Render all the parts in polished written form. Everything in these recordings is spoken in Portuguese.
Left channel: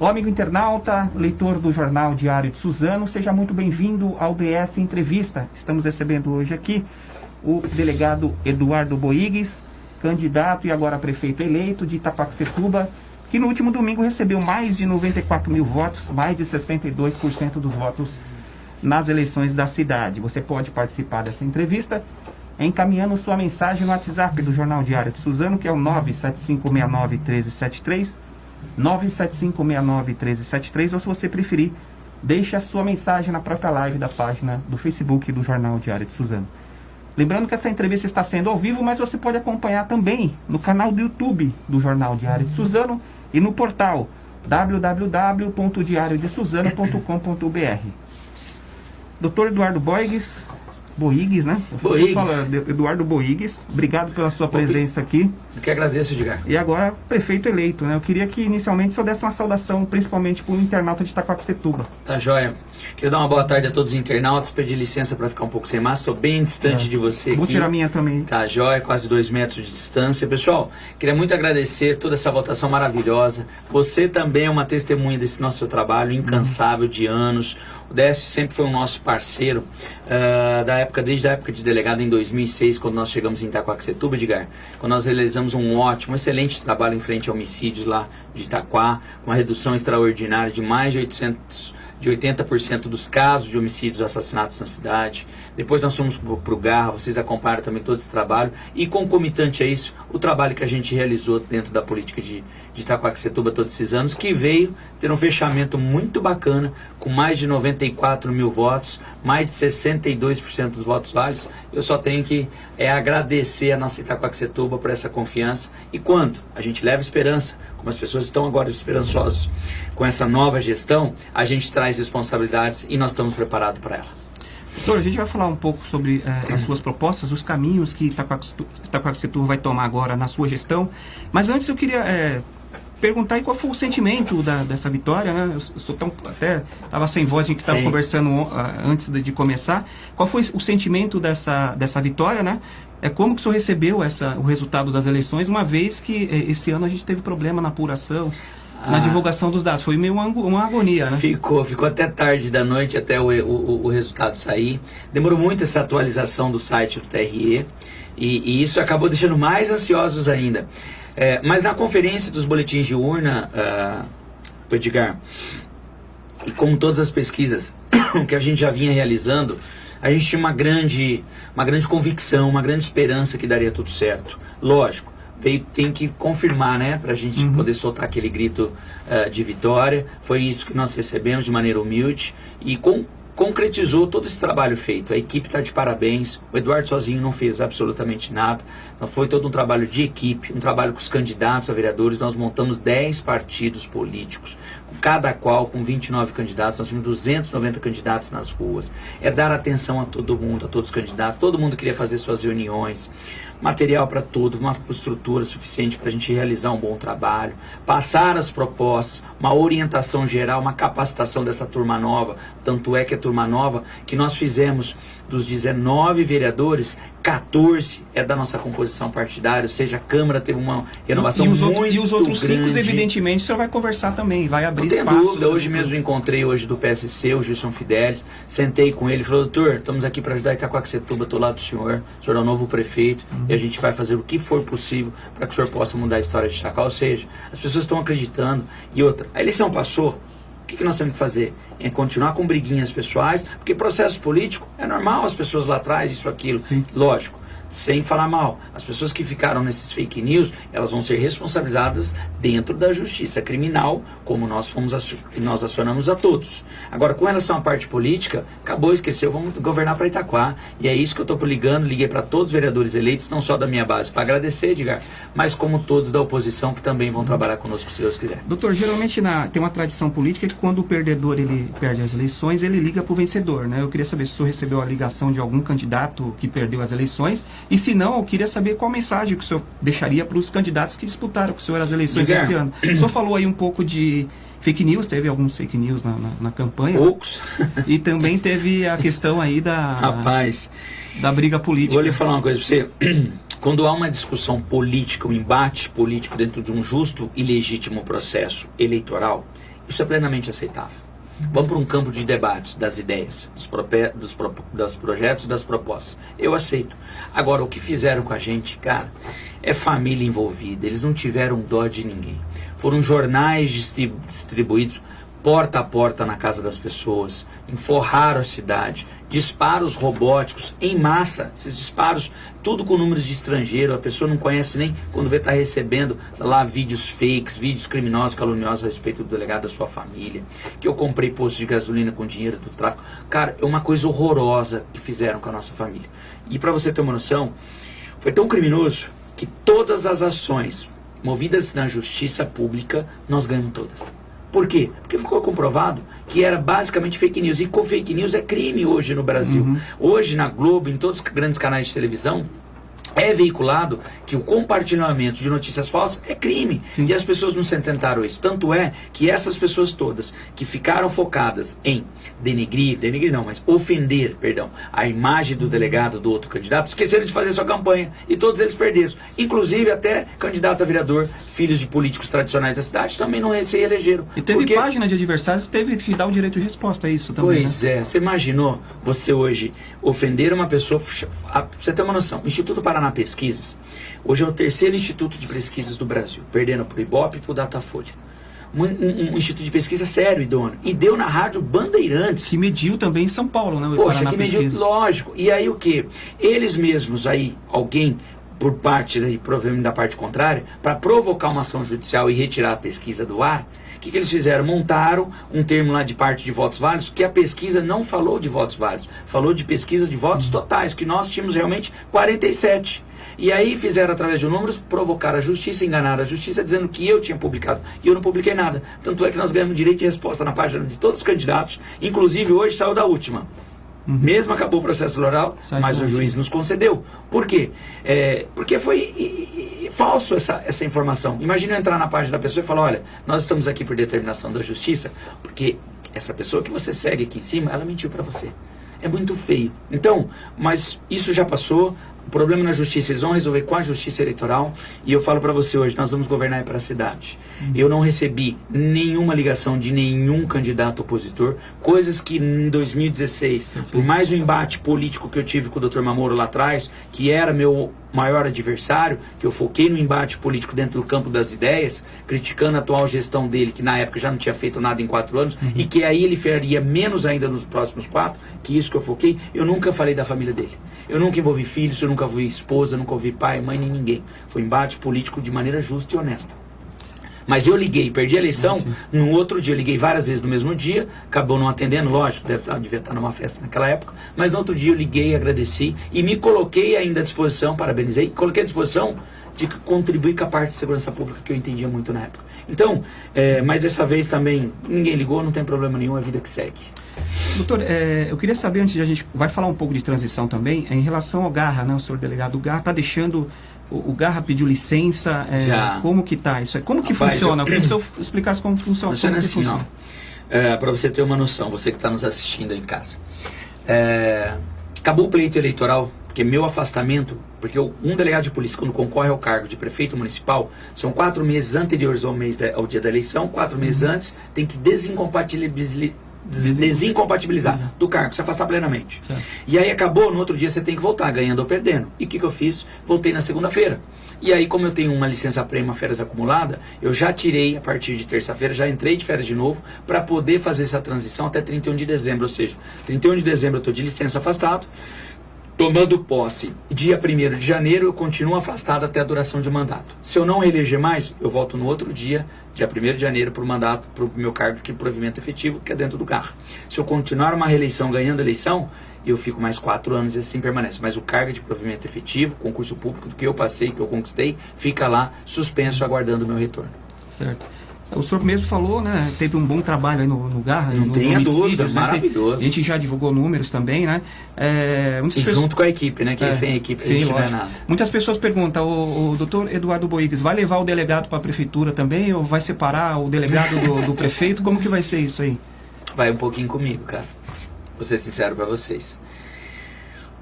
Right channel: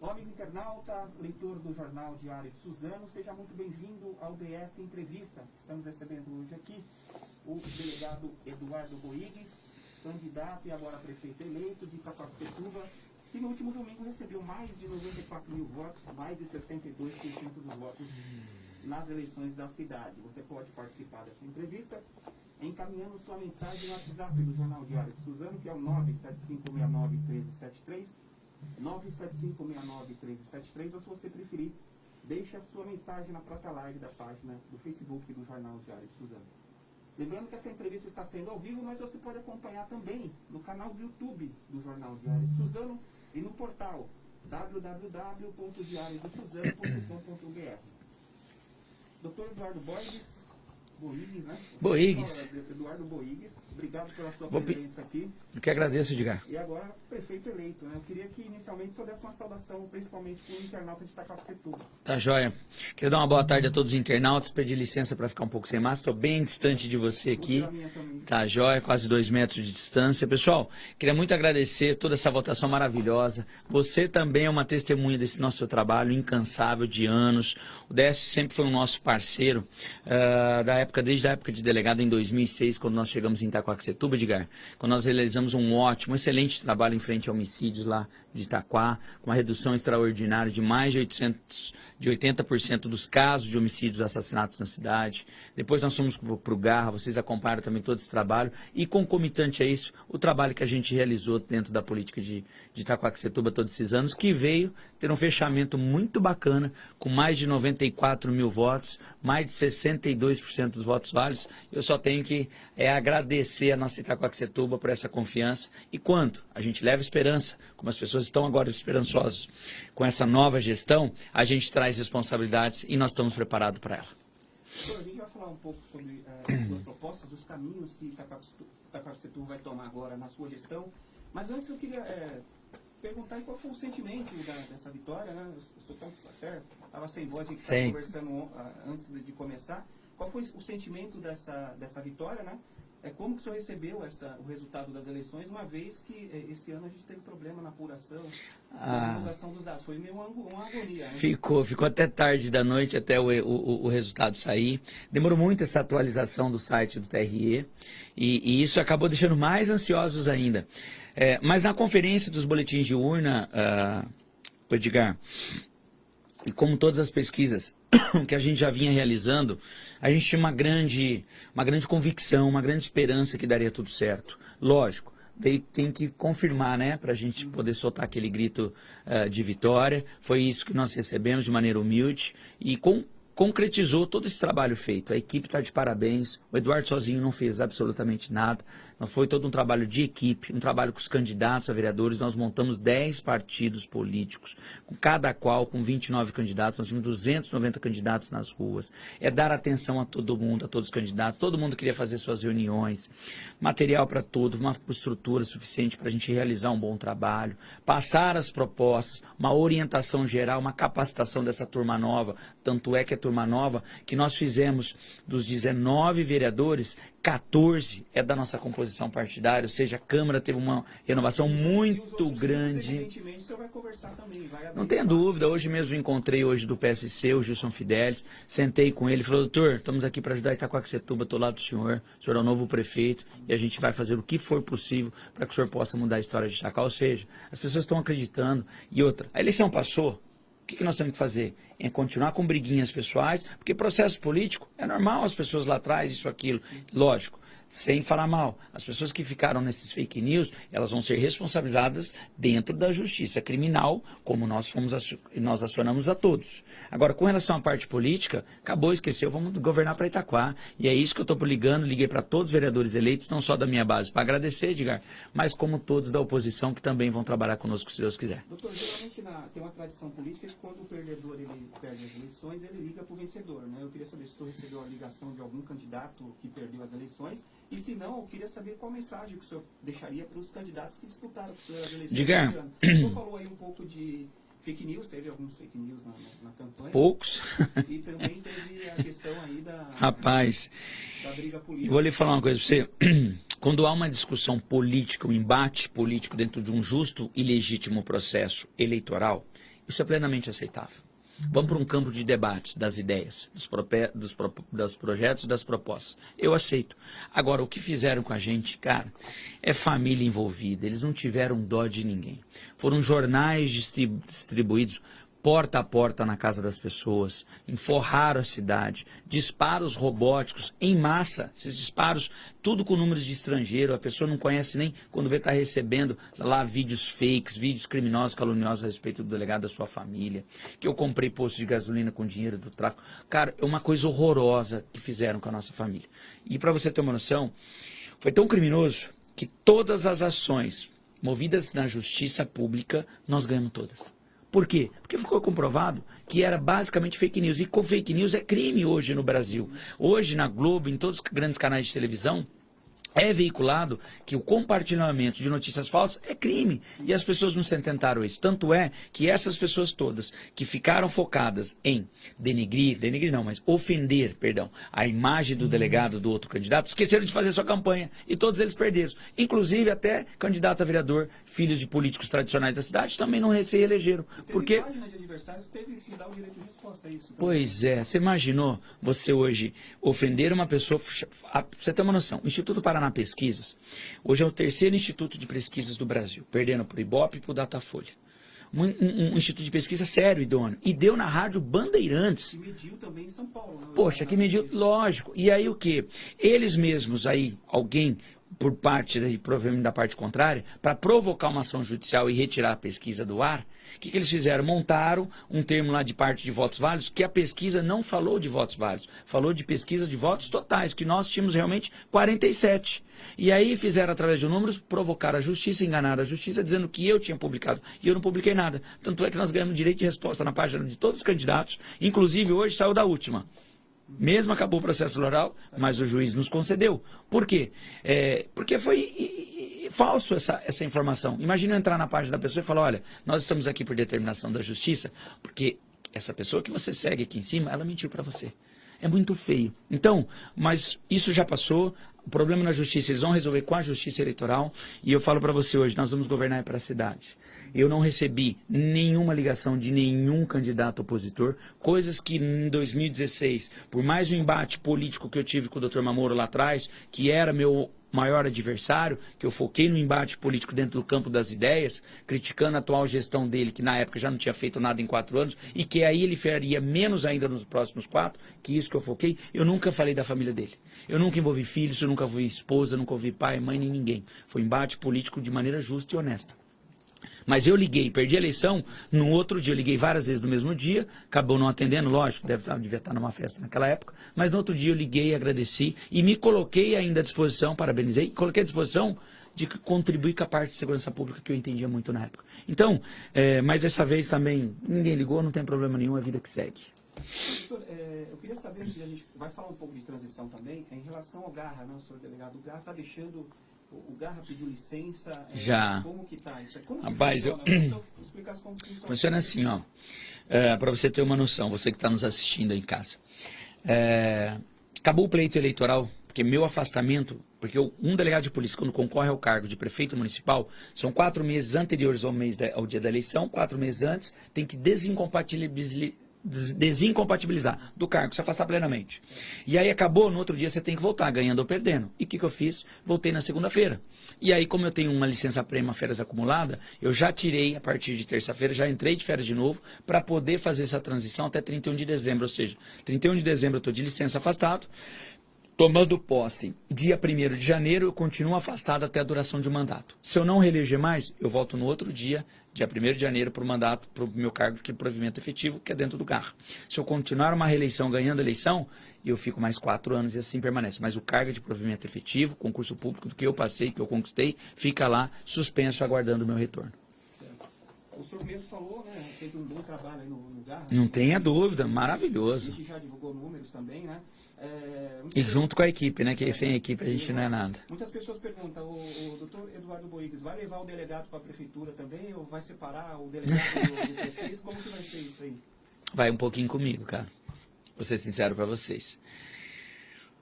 Olá, amigo internauta, leitor do Jornal Diário de Suzano, seja muito bem-vindo ao DS Entrevista. Estamos recebendo hoje aqui o delegado Eduardo Boigues, candidato e agora prefeito eleito de Itaquaquecetuba, que no último domingo recebeu mais de 94 mil votos, mais de 62% dos votos nas eleições da cidade. Você pode participar dessa entrevista encaminhando sua mensagem no WhatsApp do Jornal Diário de Suzano, que é o 975691373, 975691373, ou se você preferir, deixe a sua mensagem na própria live da página do Facebook do Jornal Diário de Suzano. Lembrando que essa entrevista está sendo ao vivo, mas você pode acompanhar também no canal do YouTube do Jornal Diário de Suzano e no portal www.diariodesuzano.com.br. Dr. Eduardo Boigues, né? Eduardo Boigues, obrigado pela sua presença aqui. Eu que agradeço, Edgar. E agora, prefeito eleito, né? Eu queria que inicialmente só desse uma saudação, principalmente para o internauta de Itaquaquecetuba. Tá joia. Queria dar uma boa tarde a todos os internautas, pedir licença para ficar um pouco sem máscara, estou bem distante de você aqui. Vou tirar a minha também. Tá joia, quase 2 metros de distância. Pessoal, queria muito agradecer toda essa votação maravilhosa. Você também é uma testemunha desse nosso trabalho incansável de anos. O DS sempre foi um nosso parceiro, desde a época de delegado em 2006, quando nós chegamos em Itaquaquecetuba, Edgar, quando nós realizamos um ótimo, excelente trabalho em frente a homicídios lá de Itaquá, com uma redução extraordinária de mais de 80% dos casos de homicídios, assassinatos na cidade. Depois nós fomos para o Garra, vocês acompanharam também todo esse trabalho. E concomitante a isso, o trabalho que a gente realizou dentro da política de Itaquaquecetuba todos esses anos, que veio ter um fechamento muito bacana, com mais de 94 mil votos, mais de 62% dos votos válidos. Eu só tenho que agradecer a nossa Itaquaquecetuba por essa confiança. E quando a gente leva esperança, como as pessoas estão agora esperançosas com essa nova gestão, a gente traz responsabilidades e nós estamos preparados para ela. Doutor, a gente vai falar um pouco sobre as suas propostas, os caminhos que Itaquaquecetuba vai tomar agora na sua gestão. Mas antes eu queria perguntar aí qual foi o sentimento dessa vitória, né? Eu até estava sem voz, a gente estava conversando antes de começar. Qual foi o sentimento dessa vitória, né? Como que o senhor recebeu o resultado das eleições, uma vez que esse ano a gente teve problema na apuração, na divulgação dos dados? Foi meio uma agonia, né? Ficou até tarde da noite, até o resultado sair. Demorou muito essa atualização do site do TRE, e isso acabou deixando mais ansiosos ainda. Mas na conferência dos boletins de urna, Edgar, e como todas as pesquisas que a gente já vinha realizando, a gente tinha uma grande convicção, uma grande esperança que daria tudo certo. Lógico, tem que confirmar, né, para a gente poder soltar aquele grito de vitória. Foi isso que nós recebemos de maneira humilde e concretizou todo esse trabalho feito. A equipe está de parabéns. O Eduardo sozinho não fez absolutamente nada. Foi todo um trabalho de equipe, um trabalho com os candidatos a vereadores. Nós montamos 10 partidos políticos, cada qual com 29 candidatos. Nós tínhamos 290 candidatos nas ruas. Dar atenção a todo mundo, a todos os candidatos. Todo mundo queria fazer suas reuniões, material para tudo, uma estrutura suficiente para a gente realizar um bom trabalho, passar as propostas, uma orientação geral, uma capacitação dessa turma nova. Tanto é que a turma nova que nós fizemos dos 19 vereadores, 14 é da nossa composição partidária, ou seja, a Câmara teve uma renovação muito grande. E os outros 5, evidentemente, o senhor vai conversar também, vai abrir espaço. Não tem dúvida, hoje mesmo encontrei do PSC, o Gilson Fidelis, sentei com ele e falei: doutor, estamos aqui para ajudar Itaquaquecetuba, estou lá do senhor é o novo prefeito, e a gente vai fazer o que for possível para que o senhor possa mudar a história de Itaquá. Ou seja, as pessoas estão acreditando. E outra, a eleição passou. O que nós temos que fazer? Continuar com briguinhas pessoais, porque processo político é normal, as pessoas lá atrás, isso, aquilo. Sim. Lógico, sem falar mal. As pessoas que ficaram nesses fake news, elas vão ser responsabilizadas dentro da justiça criminal, como nós acionamos a todos. Agora, com relação à parte política, acabou, esqueceu, vamos governar para Itaquá. E é isso que eu estou liguei para todos os vereadores eleitos, não só da minha base, para agradecer, Edgar, mas como todos da oposição que também vão trabalhar conosco, se Deus quiser. Doutor, geralmente tem uma tradição política que quando o perdedor ele perde as eleições, ele liga para o vencedor, né? Eu queria saber se o senhor recebeu a ligação de algum candidato que perdeu as eleições. E se não, eu queria saber qual mensagem que o senhor deixaria para os candidatos que disputaram com o senhor as eleições desse ano. O senhor falou aí um pouco de fake news, teve alguns fake news na campanha. Poucos. E também teve a questão aí da briga política. Vou lhe falar uma coisa para você. Quando há uma discussão política, um embate político dentro de um justo e legítimo processo eleitoral, Isso é plenamente aceitável. Vamos para um campo de debates das ideias, dos projetos e das propostas. Eu aceito. Agora, o que fizeram com a gente, cara, é família envolvida. Eles não tiveram dó de ninguém. Foram jornais distribuídos porta a porta na casa das pessoas, enforraram a cidade, disparos robóticos em massa, esses disparos, tudo com números de estrangeiro, a pessoa não conhece nem quando vê está recebendo lá vídeos fakes, vídeos criminosos, caluniosos a respeito do delegado da sua família, que eu comprei posto de gasolina com dinheiro do tráfico. Cara, é uma coisa horrorosa que fizeram com a nossa família. E para você ter uma noção, foi tão criminoso que todas as ações movidas na justiça pública, nós ganhamos todas. Por quê? Porque ficou comprovado que era basicamente fake news. E com fake news é crime hoje no Brasil. Hoje na Globo, em todos os grandes canais de televisão, é veiculado que o compartilhamento de notícias falsas é crime. Sim. E as pessoas não se atentaram a isso. Tanto é que essas pessoas todas que ficaram focadas em denegrir não, mas ofender, perdão, a imagem do delegado do outro candidato, esqueceram de fazer sua campanha. E todos eles perderam. Inclusive até candidato a vereador, filhos de políticos tradicionais da cidade, também não se elegeram. E teve página de adversários que teve que dar o direito de resposta a isso também. Pois é. Você imaginou você hoje ofender uma pessoa... Pra você ter uma noção, o Instituto Paraná Pesquisas, hoje é o terceiro instituto de pesquisas do Brasil, perdendo para o Ibope e para o Datafolha. Um instituto de pesquisa sério, idôneo. E deu na rádio Bandeirantes. Que mediu também em São Paulo, né? Poxa, que mediu, lógico. E aí o que? Eles mesmos aí, alguém... por parte, provavelmente da parte contrária, para provocar uma ação judicial e retirar a pesquisa do ar, o que eles fizeram? Montaram um termo lá de parte de votos válidos, que a pesquisa não falou de votos válidos, falou de pesquisa de votos totais, que nós tínhamos realmente 47. E aí fizeram, através de números, provocar a justiça, enganar a justiça, dizendo que eu tinha publicado. E eu não publiquei nada. Tanto é que nós ganhamos direito de resposta na página de todos os candidatos, inclusive hoje saiu da última. Mesmo acabou o processo eleitoral, mas o juiz nos concedeu. Por quê? Porque foi falso essa informação. Imagina eu entrar na página da pessoa e falar, olha, nós estamos aqui por determinação da justiça, porque essa pessoa que você segue aqui em cima, ela mentiu para você. É muito feio. Então, mas isso já passou. O problema na justiça, eles vão resolver com a justiça eleitoral. E eu falo para você hoje, nós vamos governar para a cidade. Eu não recebi nenhuma ligação de nenhum candidato opositor. Coisas que em 2016, por mais um embate político que eu tive com o Dr. Mamoro lá atrás, que era meu maior adversário, que eu foquei no embate político dentro do campo das ideias, criticando a atual gestão dele, que na época já não tinha feito nada em 4 anos, e que aí ele faria menos ainda nos próximos 4, que isso que eu foquei. Eu nunca falei da família dele. Eu nunca envolvi filhos, eu nunca vi esposa, nunca ouvi pai, mãe, nem ninguém. Foi embate político de maneira justa e honesta. Mas eu liguei, perdi a eleição, no outro dia eu liguei várias vezes no mesmo dia, acabou não atendendo, lógico, devia estar numa festa naquela época, mas no outro dia eu liguei, agradeci e me coloquei ainda à disposição, parabenizei, coloquei à disposição de contribuir com a parte de segurança pública que eu entendia muito na época. Então, mas dessa vez também ninguém ligou, não tem problema nenhum, é a vida que segue. Doutor, eu queria saber, antes de a gente vai falar um pouco de transição também, em relação ao Garra, né? O senhor delegado Garra está deixando... O Garra pediu licença, como que tá isso aí? Como que funciona? Eu queria que o senhor explicasse como funciona. Funciona assim, ó. Para você ter uma noção, você que está nos assistindo aí em casa. Acabou o pleito eleitoral, porque meu afastamento, porque um delegado de polícia, quando concorre ao cargo de prefeito municipal, são 4 meses anteriores ao dia da eleição, 4 meses antes, tem que desincompatibilizar do cargo, se afastar plenamente. Certo. E aí acabou, no outro dia você tem que voltar, ganhando ou perdendo. E o que eu fiz? Voltei na segunda-feira. E aí, como eu tenho uma licença-prêmio, férias acumulada, eu já tirei, a partir de terça-feira, já entrei de férias de novo, para poder fazer essa transição até 31 de dezembro. Ou seja, 31 de dezembro eu estou de licença afastado, tomando posse dia 1º de janeiro, eu continuo afastado até a duração de mandato. Se eu não reeleger mais, eu volto no outro dia 1º de janeiro, para o mandato, para o meu cargo de provimento efetivo, que é dentro do Garra. Se eu continuar uma reeleição, ganhando a eleição, eu fico mais 4 anos e assim permanece. Mas o cargo de provimento efetivo, concurso público do que eu passei, que eu conquistei, fica lá suspenso, aguardando o meu retorno. Certo. O senhor mesmo falou, né? Teve um bom trabalho aí no Garra. Não tenha dúvida, né? Maravilhoso. A gente já divulgou números também, né? E junto com a equipe, né? Que sem equipe a gente não é nada. Muitas pessoas perguntam, o doutor Eduardo Boigues vai levar o delegado para a prefeitura também? Ou vai separar o delegado do prefeito? Como que vai ser isso aí? Vai um pouquinho comigo, cara. Vou ser sincero para vocês.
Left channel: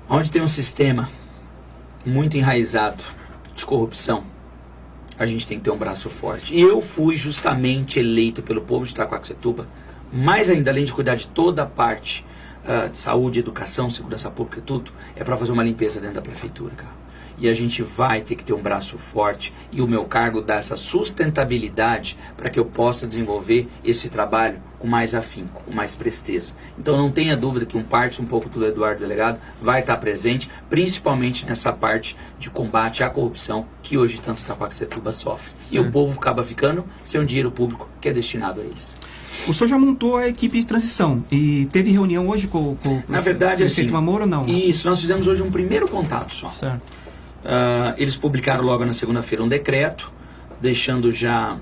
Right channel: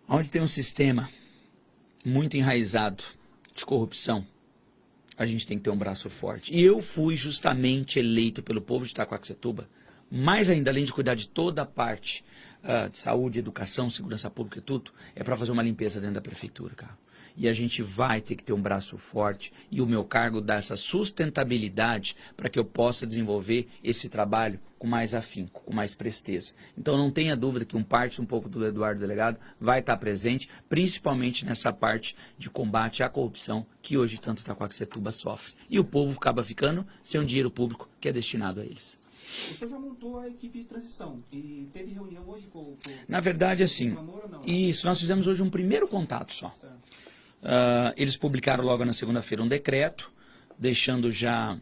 Onde tem um sistema muito enraizado de corrupção, a gente tem que ter um braço forte. E eu fui justamente eleito pelo povo de Itaquaquecetuba, mais ainda, além de cuidar de toda a parte de saúde, educação, segurança pública e tudo, é para fazer uma limpeza dentro da prefeitura, cara. E a gente vai ter que ter um braço forte, e o meu cargo dá essa sustentabilidade para que eu possa desenvolver esse trabalho com mais afinco, com mais presteza. Então não tenha dúvida que um pouco do Eduardo Delegado vai estar presente, principalmente nessa parte de combate à corrupção que hoje tanto Itaquaquecetuba sofre. Sim. E o povo acaba ficando sem um dinheiro público que é destinado a eles. O senhor já montou a equipe de transição e teve reunião hoje com Na verdade, o prefeito Mamoro ou não? Isso, nós fizemos hoje um primeiro contato só. Certo. Eles publicaram logo na segunda-feira um decreto, deixando já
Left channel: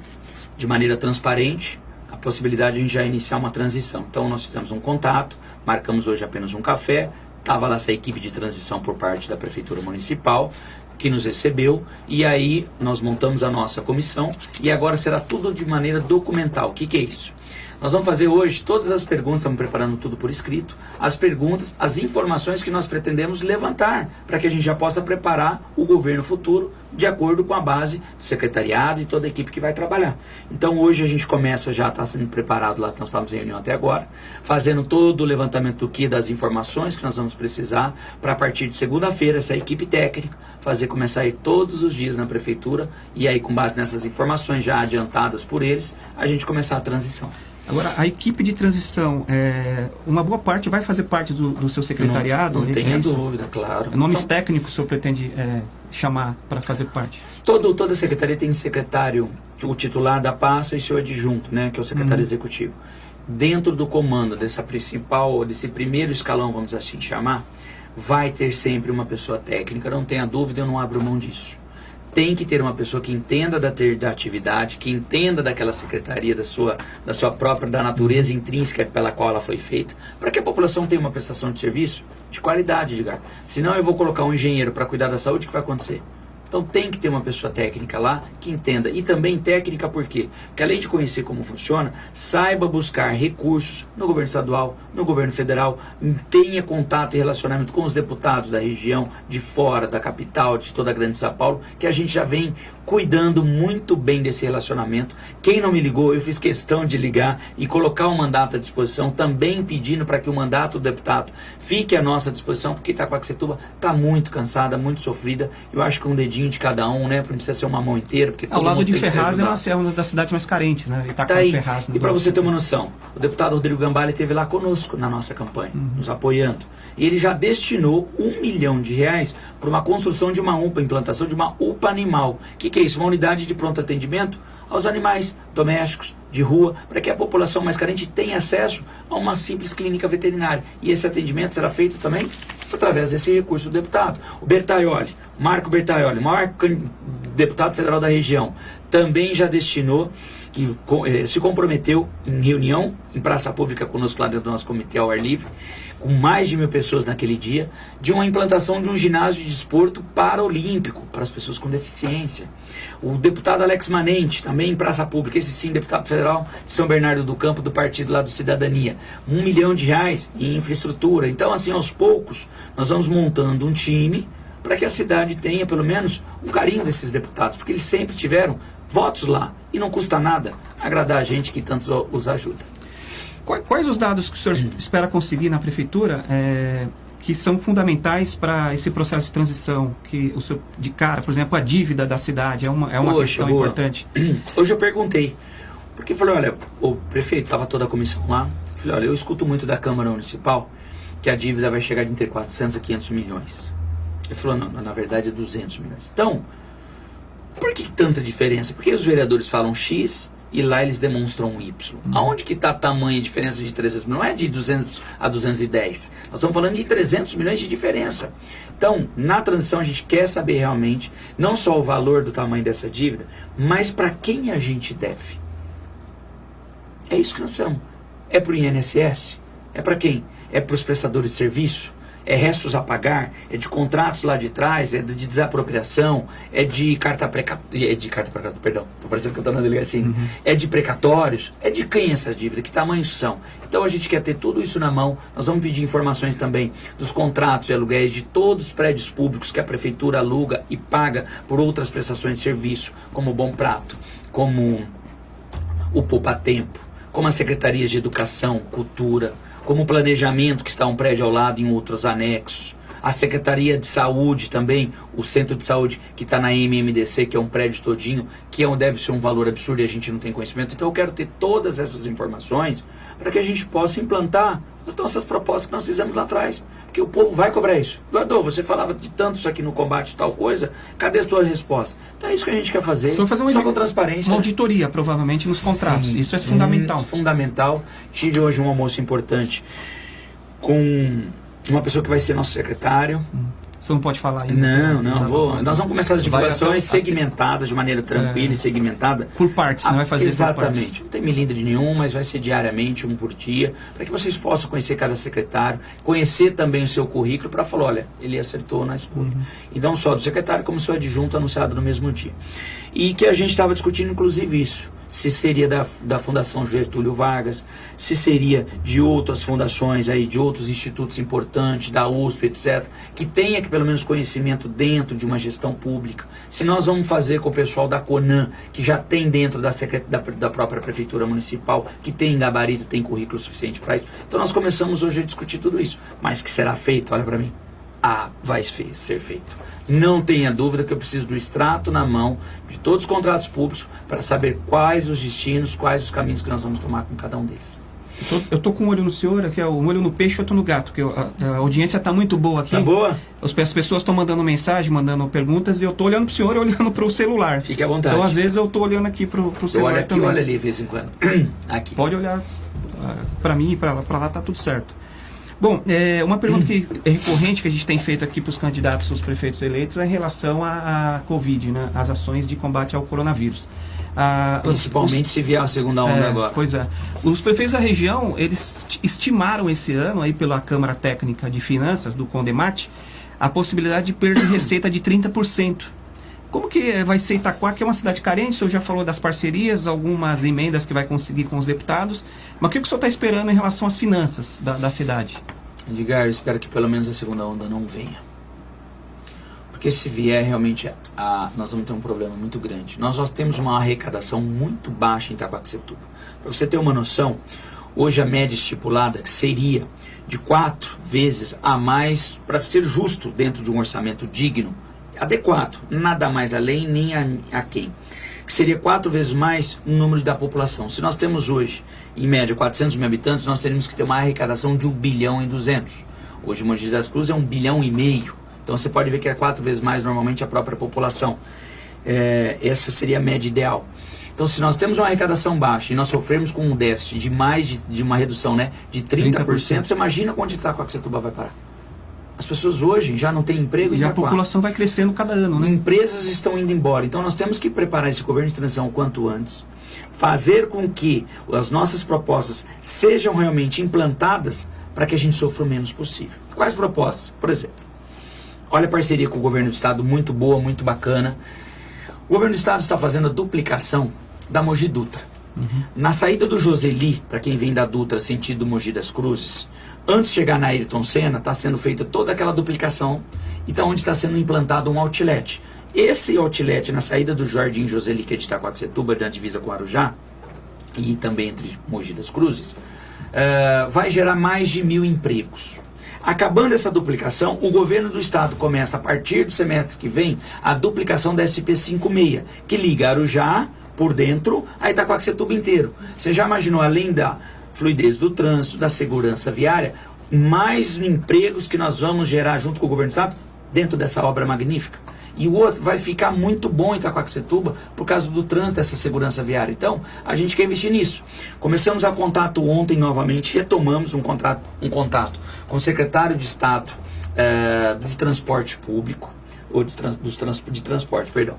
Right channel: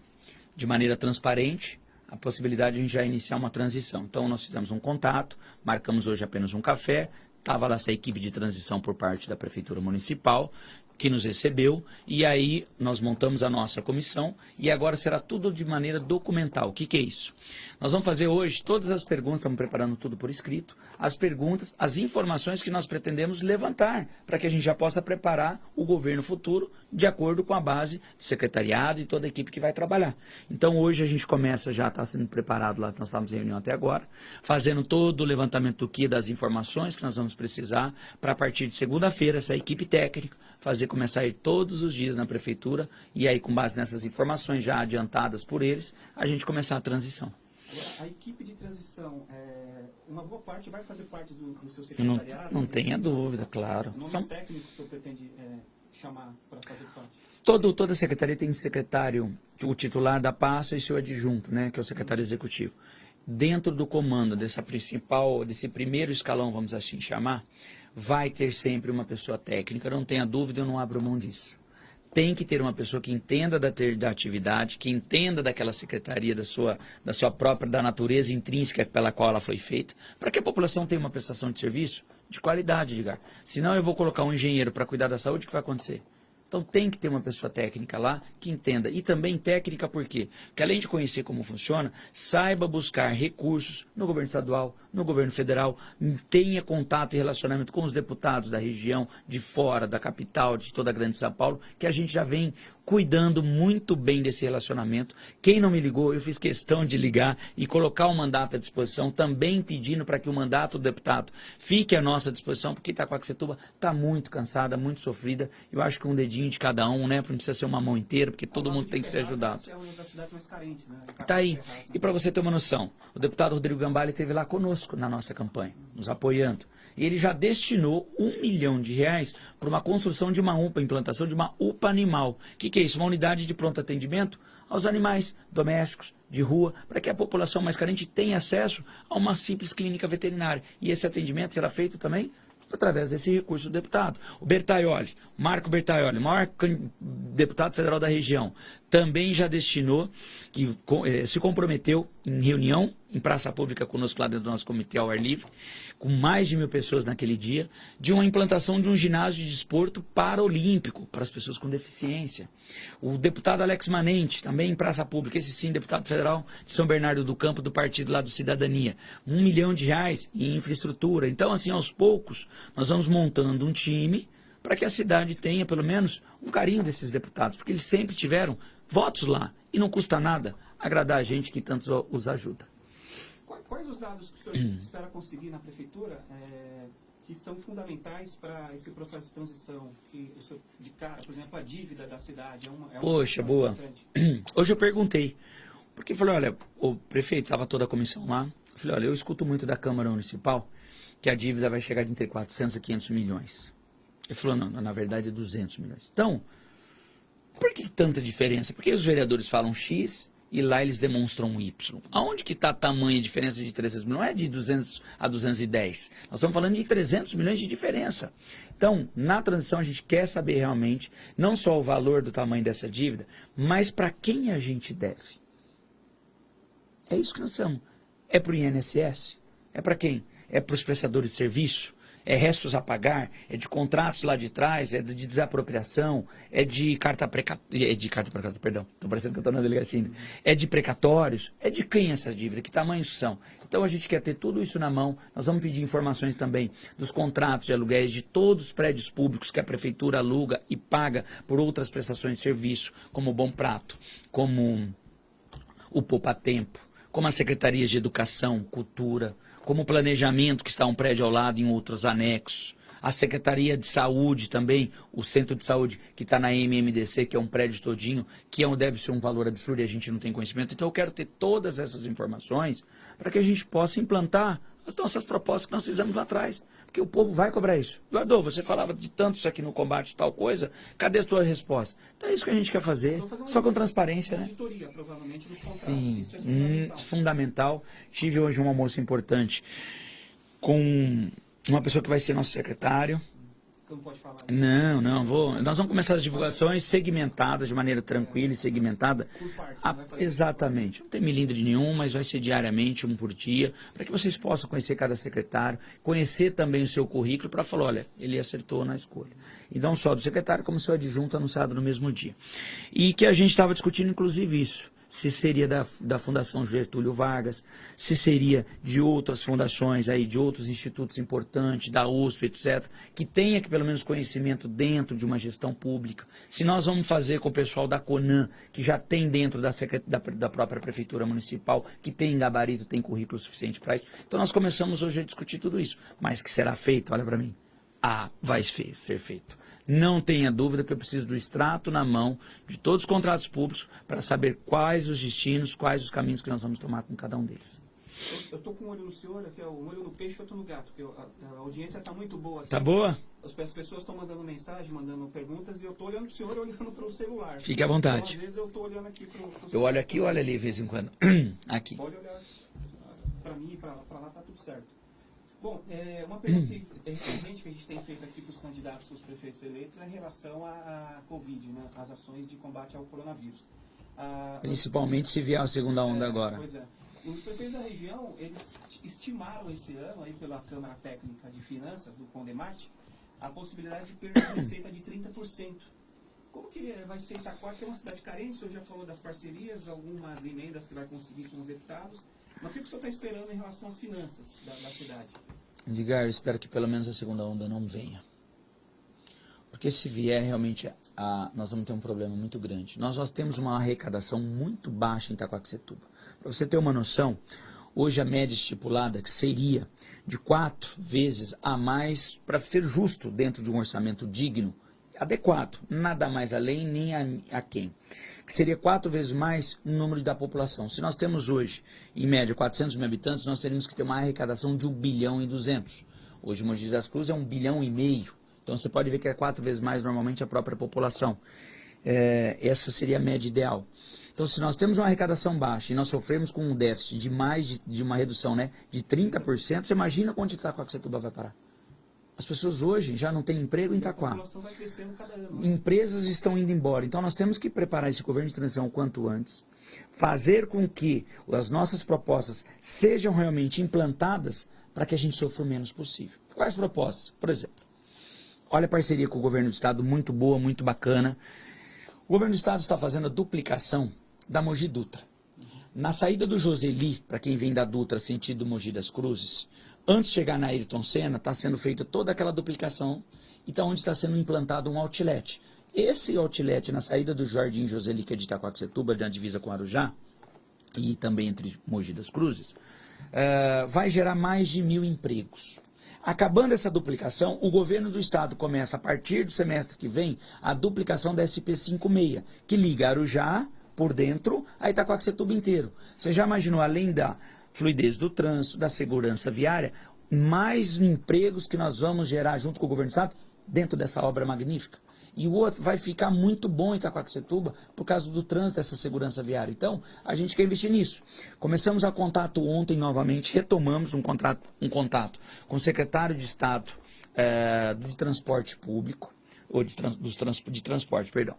de maneira transparente a possibilidade de a gente já iniciar uma transição. Então nós fizemos um contato, marcamos hoje apenas um café, estava lá essa equipe de transição por parte da Prefeitura Municipal, que nos recebeu, e aí nós montamos a nossa comissão, e agora será tudo de maneira documental. O que é isso? Nós vamos fazer hoje todas as perguntas, estamos preparando tudo por escrito, as perguntas, as informações que nós pretendemos levantar, para que a gente já possa preparar o governo futuro de acordo com a base do secretariado e toda a equipe que vai trabalhar. Então hoje a gente começa, já está sendo preparado lá, nós estamos em reunião até agora, fazendo todo o levantamento do que, das informações que nós vamos precisar, para a partir de segunda-feira, essa equipe técnica, começar a ir todos os dias na prefeitura, e aí com base nessas informações já adiantadas por eles, a gente começar a transição. Agora, a equipe de transição, uma boa parte vai fazer parte do seu secretariado? Não tenha dúvida, claro. Nomes técnicos o senhor pretende chamar para fazer parte? Toda secretaria tem secretário, o titular da pasta e seu adjunto, né, que é o secretário executivo. Dentro do comando desse primeiro escalão, vamos assim chamar, vai ter sempre uma pessoa técnica, não tenha dúvida, eu não abro mão disso. Tem que ter uma pessoa que entenda da atividade, que entenda daquela secretaria, da natureza intrínseca pela qual ela foi feita, para que a população tenha uma prestação de serviço de qualidade, Edgar. Senão eu vou colocar um engenheiro para cuidar da saúde, o que vai acontecer? Então tem que ter uma pessoa técnica lá que entenda. E também técnica por quê? Porque além de conhecer como funciona, saiba buscar recursos no governo estadual, no governo federal, tenha contato e relacionamento com os deputados da região, de fora, da capital, de toda a grande São Paulo, que a gente já vem cuidando muito bem desse relacionamento. Quem não me ligou, eu fiz questão de ligar e colocar o mandato à disposição, também pedindo para que o mandato do deputado fique à nossa disposição, porque Itaquaquecetuba está muito cansada, muito sofrida. Eu acho que um dedinho de cada um, né? Não precisa ser uma mão inteira, porque todo mundo tem que ser ajudado. Ao lado de Ferraz é uma das cidades mais carentes, né? Tá aí. Ferraz, e para você ter uma noção, o deputado Rodrigo Gambale esteve lá conosco na nossa campanha, nos apoiando. E ele já destinou R$1 milhão para uma construção de uma UPA, implantação de uma UPA animal. O que é isso? Uma unidade de pronto atendimento aos animais domésticos, de rua, para que a população mais carente tenha acesso a uma simples clínica veterinária. E esse atendimento será feito também através desse recurso do deputado. O Bertaioli, Marco Bertaioli, maior deputado federal da região, também já destinou, que se comprometeu em reunião, em praça pública conosco lá dentro do nosso comitê ao ar livre, com mais de 1.000 pessoas naquele dia, de uma implantação de um ginásio de desporto paraolímpico para as pessoas com deficiência. O deputado Alex Manente, também em praça pública, esse sim, deputado federal de São Bernardo do Campo, do partido lá do Cidadania, R$1 milhão em infraestrutura. Então, assim, aos poucos, nós vamos montando um time para que a cidade tenha, pelo menos, um carinho desses deputados, porque eles sempre tiveram votos lá, e não custa nada agradar a gente que tanto os ajuda. Quais os dados que o senhor espera conseguir na prefeitura que são fundamentais para esse processo de transição? Que o senhor, de cara, por exemplo, a dívida da cidade é uma questão importante. Hoje eu perguntei, porque falei, olha, o prefeito, estava toda a comissão lá, falei, olha, eu escuto muito da Câmara Municipal que a dívida vai chegar de entre 400 e 500 milhões. Ele falou, não, na verdade é 200 milhões. Então, por que tanta diferença? Porque os vereadores falam X e lá eles demonstram Y. Aonde que está a tamanha diferença de 300 milhões? Não é de 200 a 210. Nós estamos falando de 300 milhões de diferença. Então, na transição a gente quer saber realmente, não só o valor do tamanho dessa dívida, mas para quem a gente deve. É isso que nós precisamos. É para o INSS? É para quem? É para os prestadores de serviço? é restos a pagar, é de contratos lá de trás, é de desapropriação, é de carta precatória, perdão, tô parecendo que eu estou na delegacia ainda. É de precatórios, é de quem essas dívidas, que tamanho são? Então a gente quer ter tudo isso na mão. Nós vamos pedir informações também dos contratos de aluguéis de todos os prédios públicos que a prefeitura aluga e paga por outras prestações de serviço, como o Bom Prato, como o Poupa Tempo, como as secretarias de Educação, Cultura, como o Planejamento, que está um prédio ao lado em outros anexos, a Secretaria de Saúde também, o Centro de Saúde que está na MMDC, que é um prédio todinho, que deve ser um valor absurdo e a gente não tem conhecimento. Então eu quero ter todas essas informações para que a gente possa implantar as nossas propostas que nós fizemos lá atrás. Porque o povo vai cobrar isso. Eduardo, você falava de tanto isso aqui no combate e tal coisa, cadê a sua resposta? Então é isso que a gente quer fazer, só com transparência. Uma auditoria, provavelmente, nos contratos. Sim, isso é fundamental. Fundamental. Tive hoje um almoço importante com uma pessoa que vai ser nosso secretário. Você não pode falar ainda? Não, vou. Nós vamos começar as divulgações segmentadas, de maneira tranquila e segmentada. Por partes, não vai fazer exatamente. Por partes. Não tem milindre nenhum, mas vai ser diariamente, um por dia, para que vocês possam conhecer cada secretário, conhecer também o seu currículo, para falar, olha, ele acertou na escolha. E não só do secretário, como seu adjunto anunciado no mesmo dia. E que a gente estava discutindo, inclusive, isso. Se seria da Fundação Getúlio Vargas, se seria de outras fundações, aí, de outros institutos importantes, da USP, etc., que tenha pelo menos conhecimento dentro de uma gestão pública. Se nós vamos fazer com o pessoal da CONAN, que já tem dentro da própria Prefeitura Municipal, que tem gabarito, tem currículo suficiente para isso. Então nós começamos hoje a discutir tudo isso. Mas que será feito? Olha para mim. Vai ser feito. Não tenha dúvida que eu preciso do extrato na mão de todos os contratos públicos para saber quais os destinos, quais os caminhos que nós vamos tomar com cada um deles. Eu tô com um olho no senhor, aqui é um olho no peixe e outro no gato, que a audiência está muito boa aqui. Tá boa? As pessoas estão mandando mensagem, mandando perguntas, e eu tô olhando pro senhor e olhando pro celular. Fique à vontade. Então, às vezes, eu tô olhando aqui pro celular. Eu olho aqui também. Olha ali de vez em quando. Aqui. Pode olhar para mim e para lá, tá tudo certo. Bom, uma pergunta que é recorrente que a gente tem feito aqui para os candidatos, os prefeitos eleitos, é em relação à Covid, né? As ações de combate ao coronavírus. Principalmente se vier a segunda onda agora. Pois é. Os prefeitos da região, eles estimaram esse ano, aí pela Câmara Técnica de Finanças, do Condemate, a possibilidade de perda de receita de 30%. Como que vai ser Itaquá, que é uma cidade carente? O senhor já falou das parcerias, algumas emendas que vai conseguir com os deputados. Mas o que o senhor está esperando em relação às finanças da cidade? Edgar, eu espero que pelo menos a segunda onda não venha. Porque se vier, realmente, nós vamos ter um problema muito grande. Nós temos uma arrecadação muito baixa em Itaquaquecetuba. Para você ter uma noção, hoje a média estipulada que seria de 4 vezes a mais, para ser justo dentro de um orçamento digno, adequado, nada mais além nem a quem, que seria 4 vezes mais o número da população. Se nós temos hoje, em média, 400 mil habitantes, nós teríamos que ter uma arrecadação de 1 bilhão e 200. Hoje, Mogi das Cruzes é 1 bilhão e meio. Então, você pode ver que é 4 vezes mais, normalmente, a própria população. Essa seria a média ideal. Então, se nós temos uma arrecadação baixa e nós sofremos com um déficit de mais de uma redução, né, de 30%, você imagina onde Itaquaquecetuba vai parar. As pessoas hoje já não têm emprego em Itaquá. E a população vai crescendo cada ano, né? Empresas estão indo embora. Então nós temos que preparar esse governo de transição o quanto antes. Fazer com que as nossas propostas sejam realmente implantadas para que a gente sofra o menos possível. Quais propostas? Por exemplo, olha a parceria com o governo do estado, muito boa, muito bacana. O governo do estado está fazendo a duplicação da Mogi Dutra. Na saída do Joseli, para quem vem da Dutra, sentido Mogi das Cruzes, antes de chegar na Ayrton Senna, está sendo feita toda aquela duplicação, então onde está sendo implantado um outlet. Esse outlet, na saída do Jardim Joseli, que é de Itaquaquecetuba, na divisa com Arujá, e também entre Mogi das Cruzes, vai gerar mais de 1.000 empregos. Acabando essa duplicação, o governo do estado começa, a partir do semestre que vem, a duplicação da SP56, que liga Arujá por dentro a Itaquaquecetuba inteiro. Você já imaginou, além da fluidez do trânsito, da segurança viária, mais empregos que nós vamos gerar junto com o governo do estado dentro dessa obra magnífica? E o outro vai ficar muito bom em Itaquaquecetuba por causa do trânsito, dessa segurança viária. Então, a gente quer investir nisso. Começamos a contato ontem novamente, retomamos um contato com o secretário de Estado de Transporte Público, ou de transporte, perdão.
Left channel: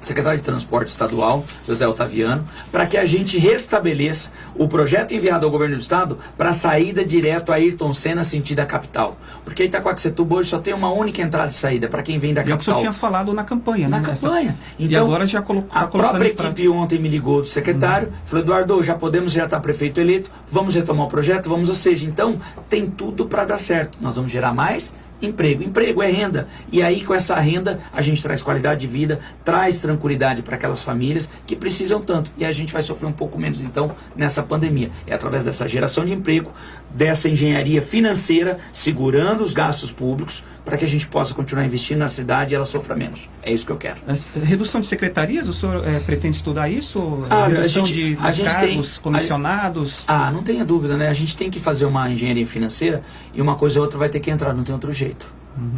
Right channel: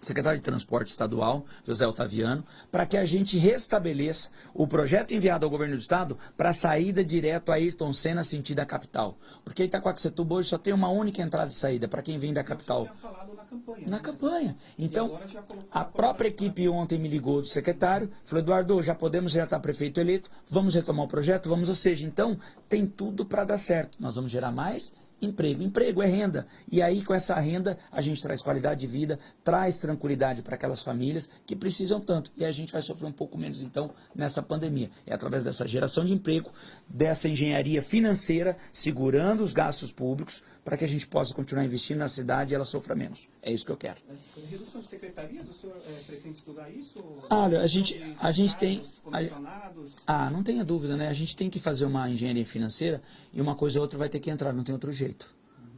secretário de Transporte Estadual, José Otaviano, para que a gente restabeleça o projeto enviado ao governo do estado para a saída direto a Ayrton Senna sentido a capital. Porque Itaquaquecetuba hoje só tem uma única entrada e saída para quem vem da capital. E o senhor tinha falado na campanha, né? Na campanha. Então, e agora já colocou. A própria equipe ontem me ligou do secretário, falou, Eduardo, já está prefeito eleito, vamos retomar o projeto, vamos, ou seja, então tem tudo para dar certo. Nós vamos gerar mais emprego. Emprego é renda. E aí, com essa renda, a gente traz qualidade de vida, traz tranquilidade para aquelas famílias que precisam tanto. E a gente vai sofrer um pouco menos, então, nessa pandemia. É através dessa geração de emprego, dessa engenharia financeira, segurando os gastos públicos, para que a gente possa continuar investindo na cidade e ela sofra menos. É isso que eu quero. Redução de secretarias, o senhor pretende estudar isso? Olha, redução de cargos, comissionados? Não tenha dúvida, né? A gente tem que fazer uma engenharia financeira e uma coisa ou outra vai ter que entrar, não tem outro jeito.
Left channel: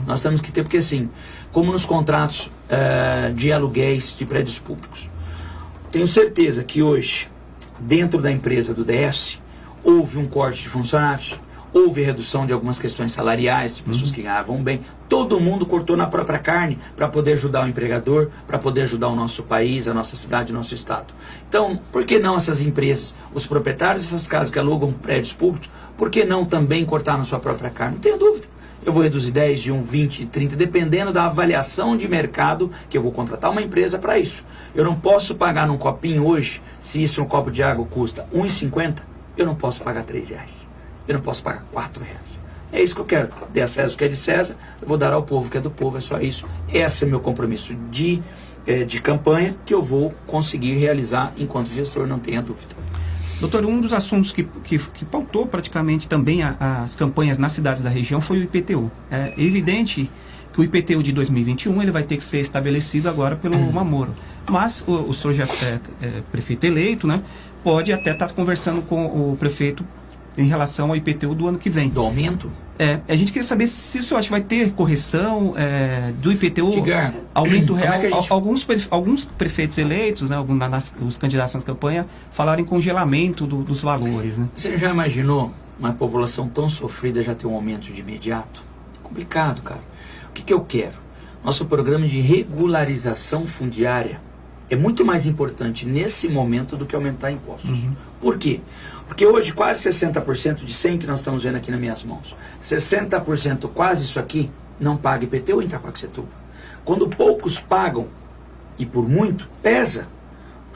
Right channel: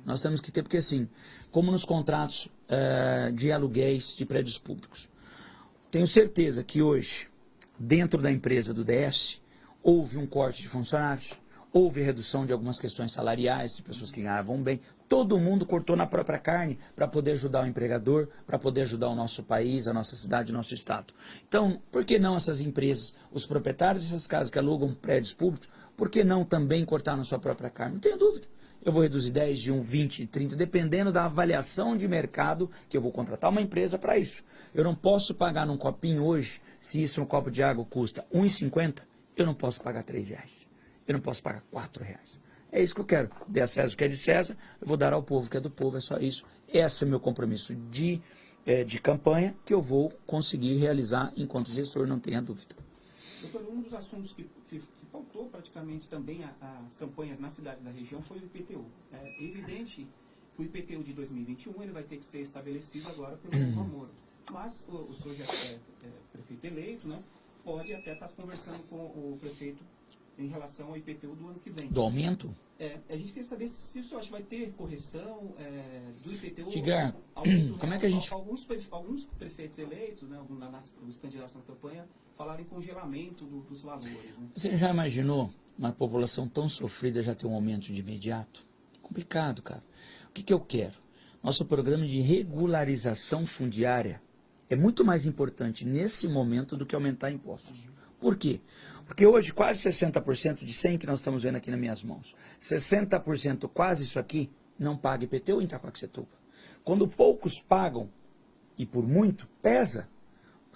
Nós temos que ter, porque assim, como nos contratos de aluguéis de prédios públicos, tenho certeza que hoje, dentro da empresa do DS, houve um corte de funcionários, houve redução de algumas questões salariais, de pessoas que ganhavam bem. Todo mundo cortou na própria carne para poder ajudar o empregador, para poder ajudar o nosso país, a nossa cidade, o nosso estado. Então, por que não essas empresas, os proprietários dessas casas que alugam prédios públicos, por que não também cortar na sua própria carne? Não tenho dúvida. Eu vou reduzir 10, de 1, 20, 30, dependendo da avaliação de mercado que eu vou contratar uma empresa para isso. Eu não posso pagar num copinho hoje, se isso um copo de água custa R$ 1,50, eu não posso pagar R$ 3. Eu não posso pagar R$ 4. É isso que eu quero. Dê a César o que é de César, eu vou dar ao povo o que é do povo, é só isso. Esse é o meu compromisso de campanha que eu vou conseguir realizar enquanto gestor, não tenha dúvida. Doutor, um dos assuntos que pautou praticamente também as campanhas nas cidades da região foi o IPTU. É evidente que o IPTU de 2021 ele vai ter que ser estabelecido agora pelo Mamoro. Mas o senhor já é prefeito eleito, né? Pode até estar conversando com o prefeito em relação ao IPTU do ano que vem. Do aumento? A gente queria saber se o senhor acha que vai ter correção do IPTU, aumento real. Alguns prefeitos eleitos, né, os candidatos na campanha, falaram em congelamento dos valores. Né? Você já imaginou uma população tão sofrida já ter um aumento de imediato? Complicado, cara. O que eu quero? Nosso programa de regularização fundiária é muito mais importante nesse momento do que aumentar impostos. Por quê? Porque hoje quase 60% de 100 que nós estamos vendo aqui nas minhas mãos, 60% quase isso aqui não paga IPTU em Itaquaquecetuba. Quando poucos pagam, e por muito, pesa.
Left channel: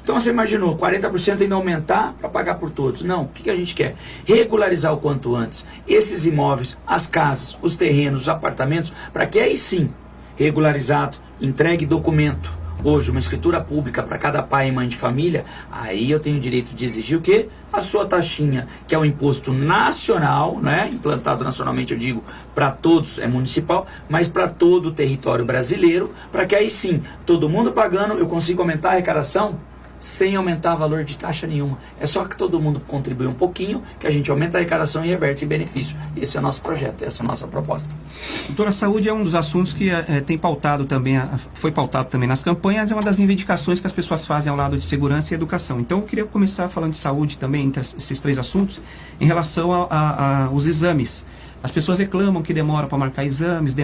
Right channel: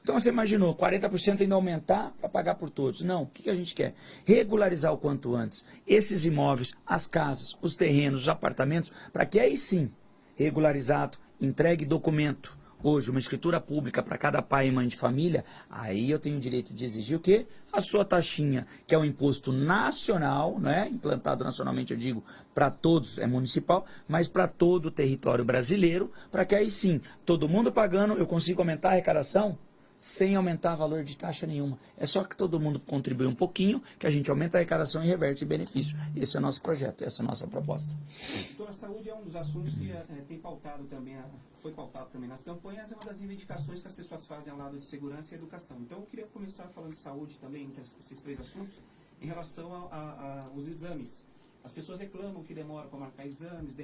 Então você imaginou, 40% ainda aumentar para pagar por todos. Não, o que a gente quer? Regularizar o quanto antes esses imóveis, as casas, os terrenos, os apartamentos, para que aí sim, regularizado, entregue documento. Hoje, uma escritura pública para cada pai e mãe de família, aí eu tenho o direito de exigir o quê? A sua taxinha, que é um imposto nacional, né? Implantado nacionalmente, eu digo, para todos, é municipal, mas para todo o território brasileiro, para que aí sim, todo mundo pagando, eu consigo aumentar a arrecadação sem aumentar valor de taxa nenhuma. É só que todo mundo contribui um pouquinho, que a gente aumenta a arrecadação e reverte em benefício. Esse é o nosso projeto, essa é a nossa proposta. Doutora, a saúde é um dos assuntos que tem pautado também, foi pautado também nas campanhas, é uma das reivindicações que as pessoas fazem ao lado de segurança e educação. Então eu queria começar falando de saúde também, entre esses três assuntos, em relação aos exames. As pessoas reclamam que demora para marcar exames,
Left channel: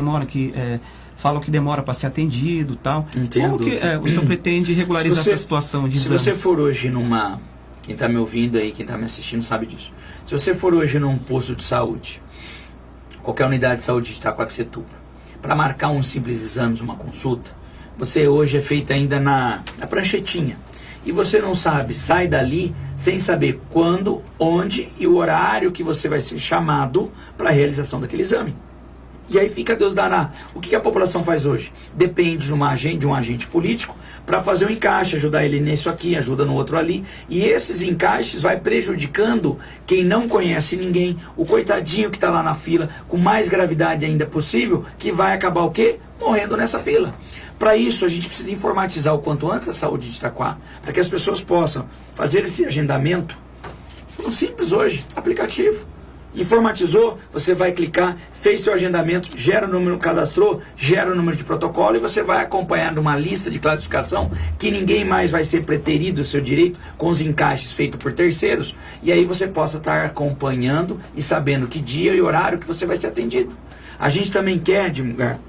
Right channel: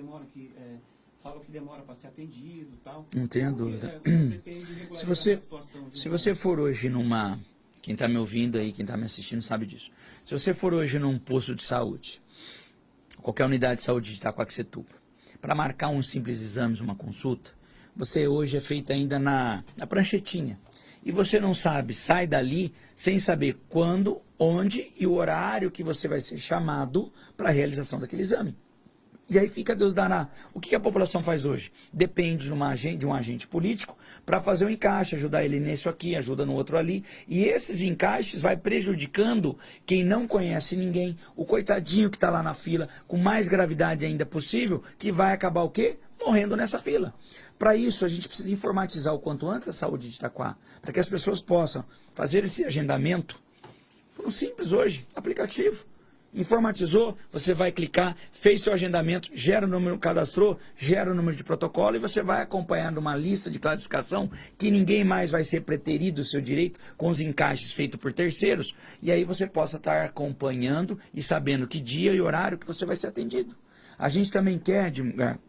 falam que demora para ser atendido e tal. Entendo. Como que o senhor pretende regularizar essa situação de exames? Se você for hoje quem está me ouvindo aí, quem está me assistindo sabe disso. Se você for hoje num posto de saúde, qualquer unidade de saúde de Itaquaquecetuba, para marcar um simples exame, uma consulta, você hoje é feito ainda na pranchetinha. E você não sabe, sai dali sem saber quando, onde e o horário que você vai ser chamado para a realização daquele exame. E aí fica Deus dará. O que a população faz hoje? Depende de um agente político para fazer um encaixe, ajudar ele nisso aqui, ajuda no outro ali. E esses encaixes vai prejudicando quem não conhece ninguém, o coitadinho que está lá na fila, com mais gravidade ainda possível, que vai acabar o quê? Morrendo nessa fila. Para isso, a gente precisa informatizar o quanto antes a saúde de Itaquá, para que as pessoas possam fazer esse agendamento. Simples hoje, aplicativo. Informatizou, você vai clicar, fez seu agendamento, gera o número, cadastrou, gera o número de protocolo e você vai acompanhando uma lista de classificação que ninguém mais vai ser preterido o seu direito com os encaixes feitos por terceiros, e aí você possa estar acompanhando e sabendo que dia e horário que você vai ser atendido. A gente também quer, Edgar,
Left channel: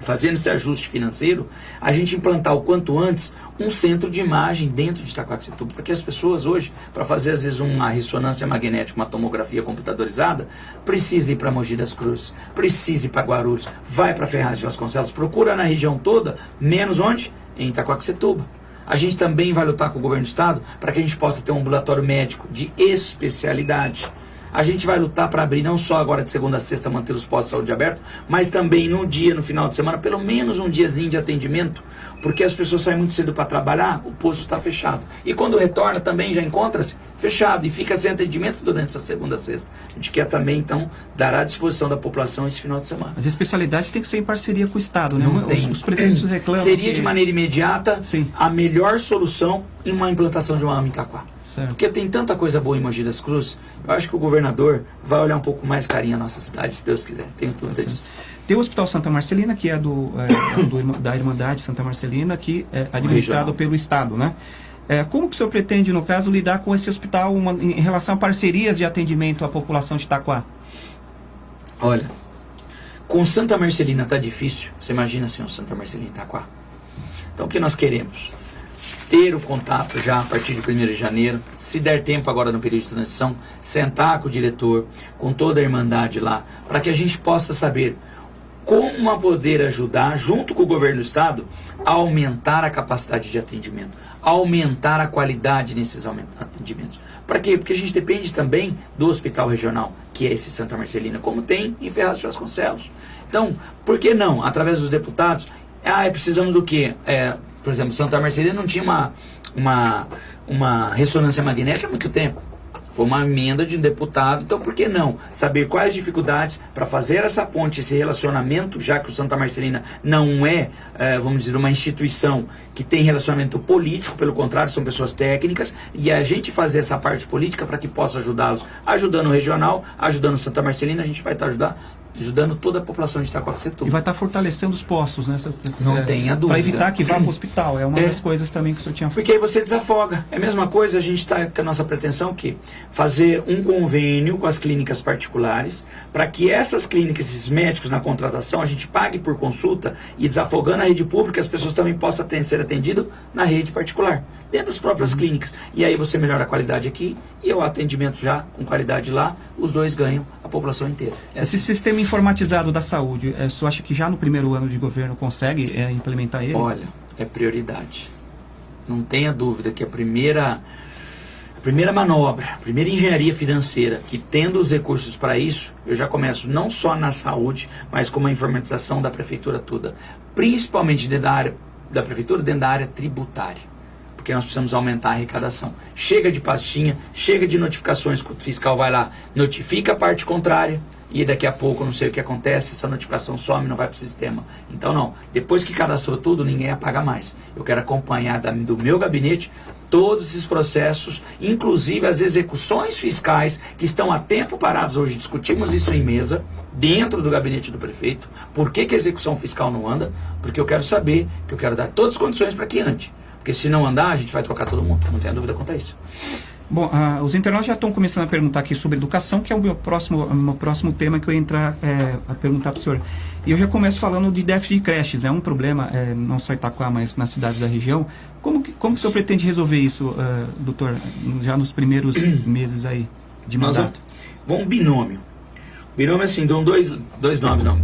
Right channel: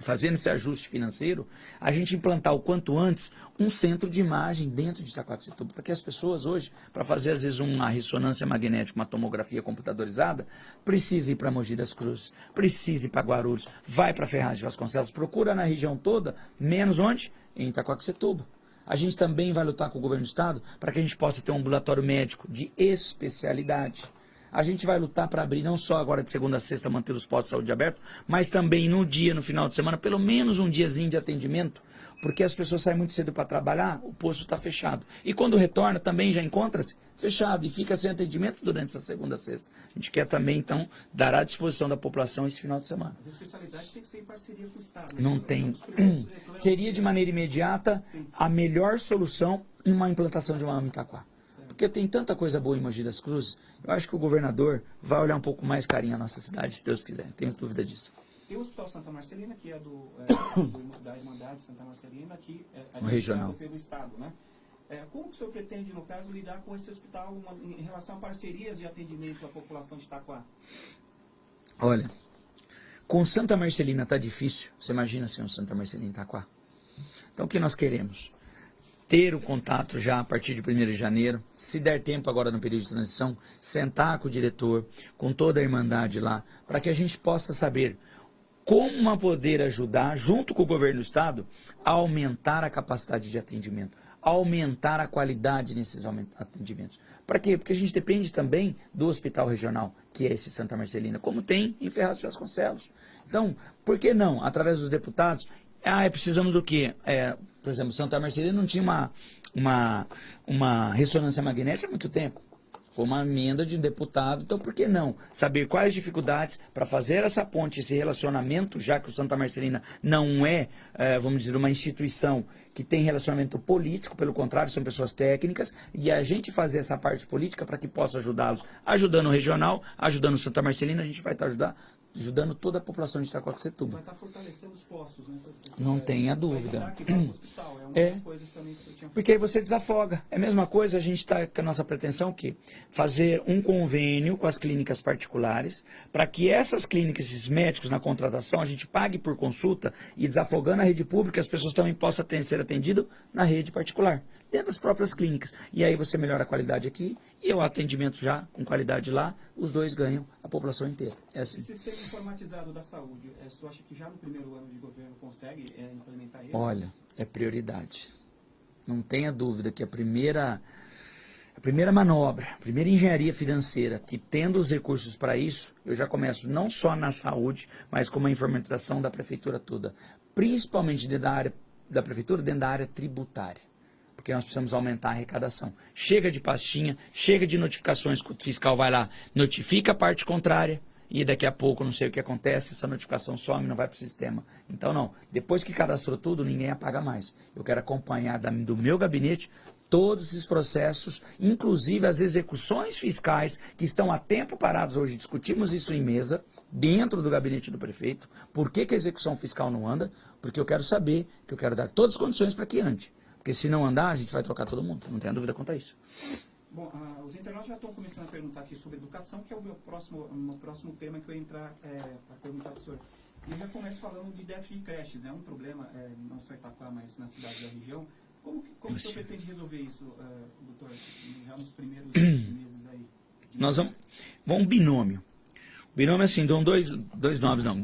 fazendo esse ajuste financeiro, a gente implantar o quanto antes um centro de imagem dentro de Itaquaquecetuba, porque as pessoas hoje, para fazer às vezes uma ressonância magnética, uma tomografia computadorizada, precisa ir para Mogi das Cruzes, precisa ir para Guarulhos, vai para Ferraz de Vasconcelos, procura na região toda, menos onde? Em Itaquaquecetuba. A gente também vai lutar com o governo do estado para que a gente possa ter um ambulatório médico de especialidade. A gente vai lutar para abrir não só agora de segunda a sexta, manter os postos de saúde abertos, mas também no dia, no final de semana, pelo menos um diazinho de atendimento, porque as pessoas saem muito cedo para trabalhar, o posto está fechado. E quando retorna também já encontra-se fechado e fica sem atendimento durante essa segunda a sexta. A gente quer também, então, dar à disposição da população esse final de semana. As especialidades têm que ser em parceria com o Estado, né? Não tem. Os prefeitos reclamam. Seria de maneira imediata Sim. a melhor solução em uma implantação de uma AMA em Itaquá. Certo. Porque tem tanta coisa boa em Mogi das Cruzes, eu acho que o governador vai olhar um pouco mais carinho a nossa cidade, se Deus quiser. Tenho dúvida disso. Tem o Hospital Santa Marcelina, que é da Irmandade Santa Marcelina, que é administrado Regional. pelo Estado, né? Como que o senhor pretende, no caso, lidar com esse hospital em relação a parcerias de atendimento à população de Itaquá? Olha, com Santa Marcelina tá difícil. Você imagina assim, o Santa Marcelina em Itaquá. Então o que nós queremos? Ter o contato já a partir de 1º de janeiro, se der tempo agora no período de transição, sentar com o diretor, com toda a Irmandade lá, para que a gente possa saber como poder ajudar, junto com o governo do estado, a aumentar a capacidade de atendimento, aumentar a qualidade nesses atendimentos. Para quê? Porque a gente depende também do hospital regional, que é esse Santa Marcelina, como tem em Ferraz de Vasconcelos. Então, por que não, através dos deputados, precisamos do quê? Por exemplo, Santa Marcelina não tinha uma ressonância magnética há muito tempo. Foi uma emenda de um deputado, então por que não saber quais dificuldades para fazer essa ponte, esse relacionamento, já que o Santa Marcelina não é, vamos dizer, uma instituição que tem relacionamento político, pelo contrário, são pessoas técnicas, e a gente fazer essa parte política para que possa ajudá-los, ajudando o regional, ajudando o Santa Marcelina, a gente vai estar ajudando toda a população de Itaquaquecetuba. E vai estar fortalecendo os postos, né? Não tenha dúvida. Para evitar que vá para o hospital. É uma das coisas também que o senhor tinha falado. Porque aí você desafoga. É a mesma coisa, a gente está com a nossa pretensão que fazer um convênio com as clínicas particulares, para que essas clínicas, esses médicos na contratação, a gente pague por consulta e desafogando a rede pública, as pessoas também possam ser atendidas na rede particular, dentro das próprias clínicas. E aí você melhora a qualidade aqui e o atendimento já com qualidade lá, os dois ganham, a população inteira. Esse sistema informatizado da saúde, o senhor acha que já no primeiro ano de governo consegue implementar ele? Olha, é prioridade. Não tenha dúvida que a primeira manobra, a primeira engenharia financeira, que tendo os recursos para isso, eu já começo não só na saúde, mas com a informatização da prefeitura toda, principalmente dentro da área da prefeitura, dentro da área tributária. Porque nós precisamos aumentar a arrecadação. Chega de pastinha, chega de notificações que o fiscal vai lá, notifica a parte contrária, e daqui a pouco, não sei o que acontece, essa notificação some, não vai para o sistema. Então não, depois que cadastrou tudo, ninguém apaga mais. Eu quero acompanhar do meu gabinete todos esses processos, inclusive as execuções fiscais que estão há tempo paradas. Hoje discutimos isso em mesa, dentro do gabinete do prefeito. Por que a execução fiscal não anda? Porque eu quero saber, que eu quero dar todas as condições para que ande. Porque se não andar, a gente vai trocar todo mundo. Não tenha dúvida quanto a isso. Bom, os internautas já estão começando a perguntar aqui sobre educação, que é o meu próximo tema que eu ia entrar a perguntar para o senhor. E eu já começo falando de déficit de creches. É um problema, não só em Itaquá, mas nas cidades da região. Como que o senhor pretende resolver isso, doutor, já nos primeiros meses aí de mandato? Vamos binômio. Binômio, assim, dão dois nomes, não.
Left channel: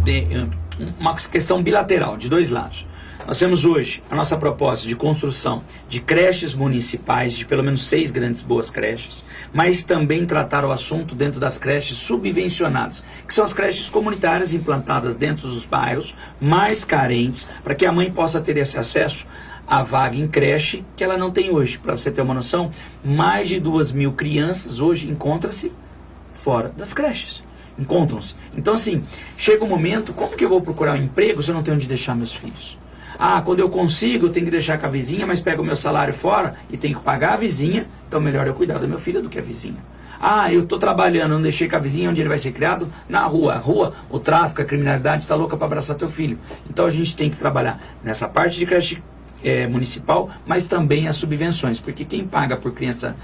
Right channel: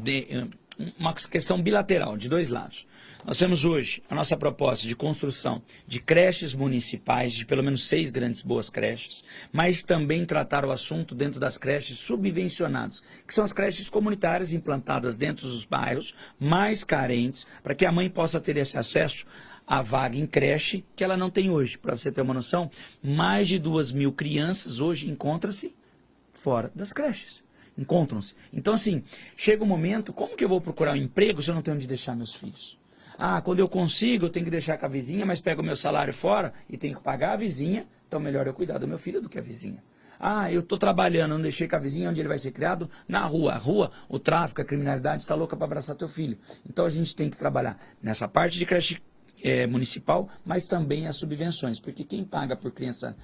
Uma questão bilateral, de dois lados. Nós temos hoje a nossa proposta de construção de creches municipais, de pelo menos 6 grandes boas creches, mas também tratar o assunto dentro das creches subvencionadas, que são as creches comunitárias implantadas dentro dos bairros mais carentes, para que a mãe possa ter esse acesso à vaga em creche que ela não tem hoje. Para você ter uma noção, mais de 2.000 crianças hoje encontram-se fora das creches. Encontram-se. Então, assim, chega um momento, como que eu vou procurar um emprego se eu não tenho onde deixar meus filhos? Quando eu consigo, eu tenho que deixar com a vizinha, mas pego o meu salário fora e tenho que pagar a vizinha, então melhor eu cuidar do meu filho do que a vizinha. Eu estou trabalhando, não deixei com a vizinha, onde ele vai ser criado? Na rua. A rua, o tráfico, a criminalidade está louca para abraçar teu filho. Então a gente tem que trabalhar nessa parte de creche municipal, mas também as subvenções, porque quem paga por criança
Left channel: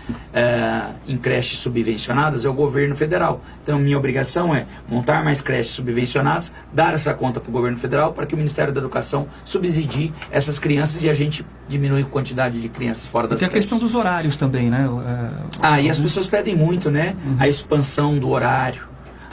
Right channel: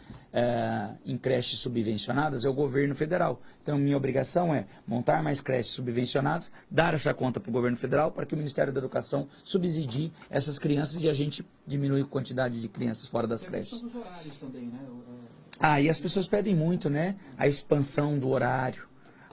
em creches subvencionadas é o governo federal. Então, minha obrigação é montar mais creches subvencionadas, dar essa conta para o governo federal para que o Ministério da Educação subsidie essas crianças e a gente diminui a quantidade de crianças fora das creches. Tem a questão dos horários também, né? E as pessoas pedem muito, né? A expansão do horário,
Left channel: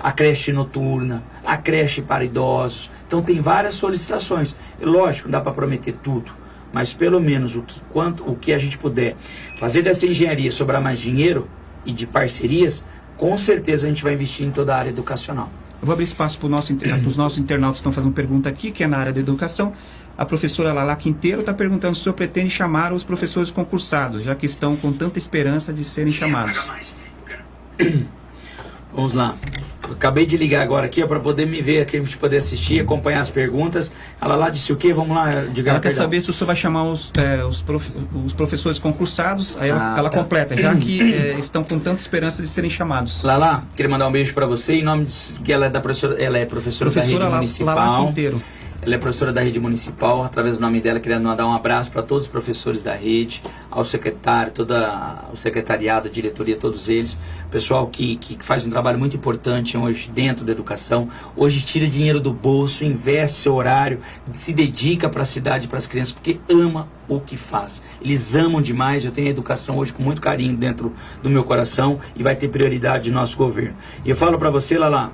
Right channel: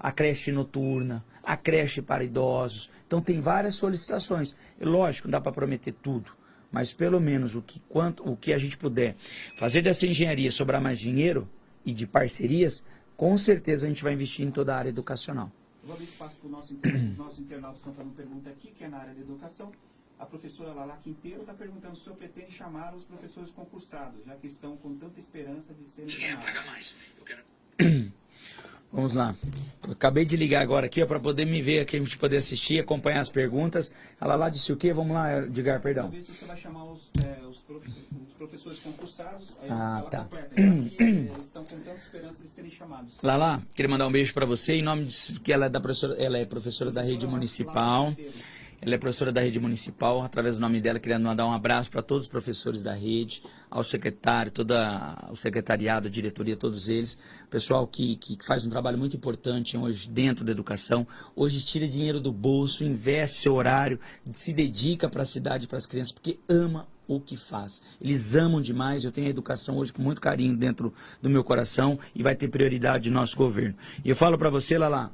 a creche noturna, a creche para idosos. Então, tem várias solicitações. E, lógico, não dá para prometer tudo, mas pelo menos o que a gente puder fazer dessa engenharia sobrar mais dinheiro e de parcerias, com certeza a gente vai investir em toda a área educacional. Eu vou abrir espaço para os nossos internautas que estão fazendo pergunta aqui, que é na área da educação. A professora Lala Quinteiro está perguntando se o senhor pretende chamar os professores concursados, já que estão com tanta esperança de serem chamados. Vamos lá. Eu acabei de ligar agora aqui para poder me ver aqui, a gente poder assistir, acompanhar as perguntas. A Lala disse o quê? Vamos lá, diga. Ela quer saber se o senhor vai chamar os professores concursados. Aí ela completa, já que estão com tanta esperança de serem chamados. Lala, queria mandar um beijo para você em nome de que ela é professora da rede municipal. Lala Quinteiro. Ela é professora da rede municipal, através do nome dela, queria mandar um abraço para todos os professores da rede, ao secretário, o secretariado, a diretoria, todos eles. Pessoal que faz um trabalho muito importante hoje dentro da educação. Hoje tira dinheiro do bolso, investe seu horário, se dedica para a cidade, para as crianças, porque ama o que faz. Eles amam demais. Eu tenho a educação hoje com muito carinho dentro do meu coração e vai ter prioridade do nosso governo. E eu falo para você, Lala,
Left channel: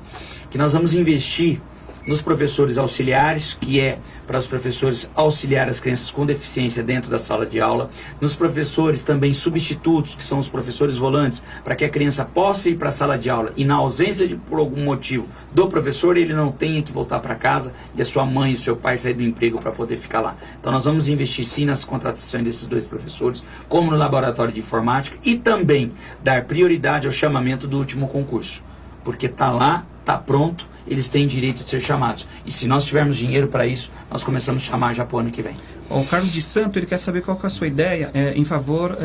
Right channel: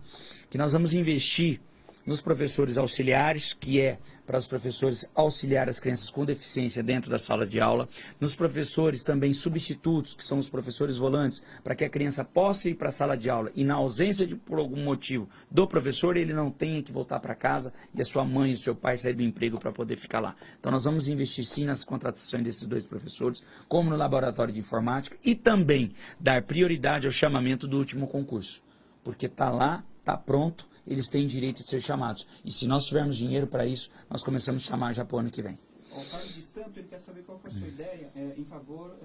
que nós vamos investir nos professores auxiliares, que é para os professores auxiliar as crianças com deficiência dentro da sala de aula, nos professores também substitutos, que são os professores volantes, para que a criança possa ir para a sala de aula e na ausência por algum motivo do professor, ele não tenha que voltar para casa e a sua mãe e o seu pai sair do emprego para poder ficar lá. Então nós vamos investir sim nas contratações desses dois professores, como no laboratório de informática, e também dar prioridade ao chamamento do último concurso, porque está lá, está pronto, eles têm direito de ser chamados. E se nós tivermos dinheiro para isso, nós começamos a chamar já para o ano que vem. O Carlos de Santo, ele quer saber qual que é a sua ideia em favor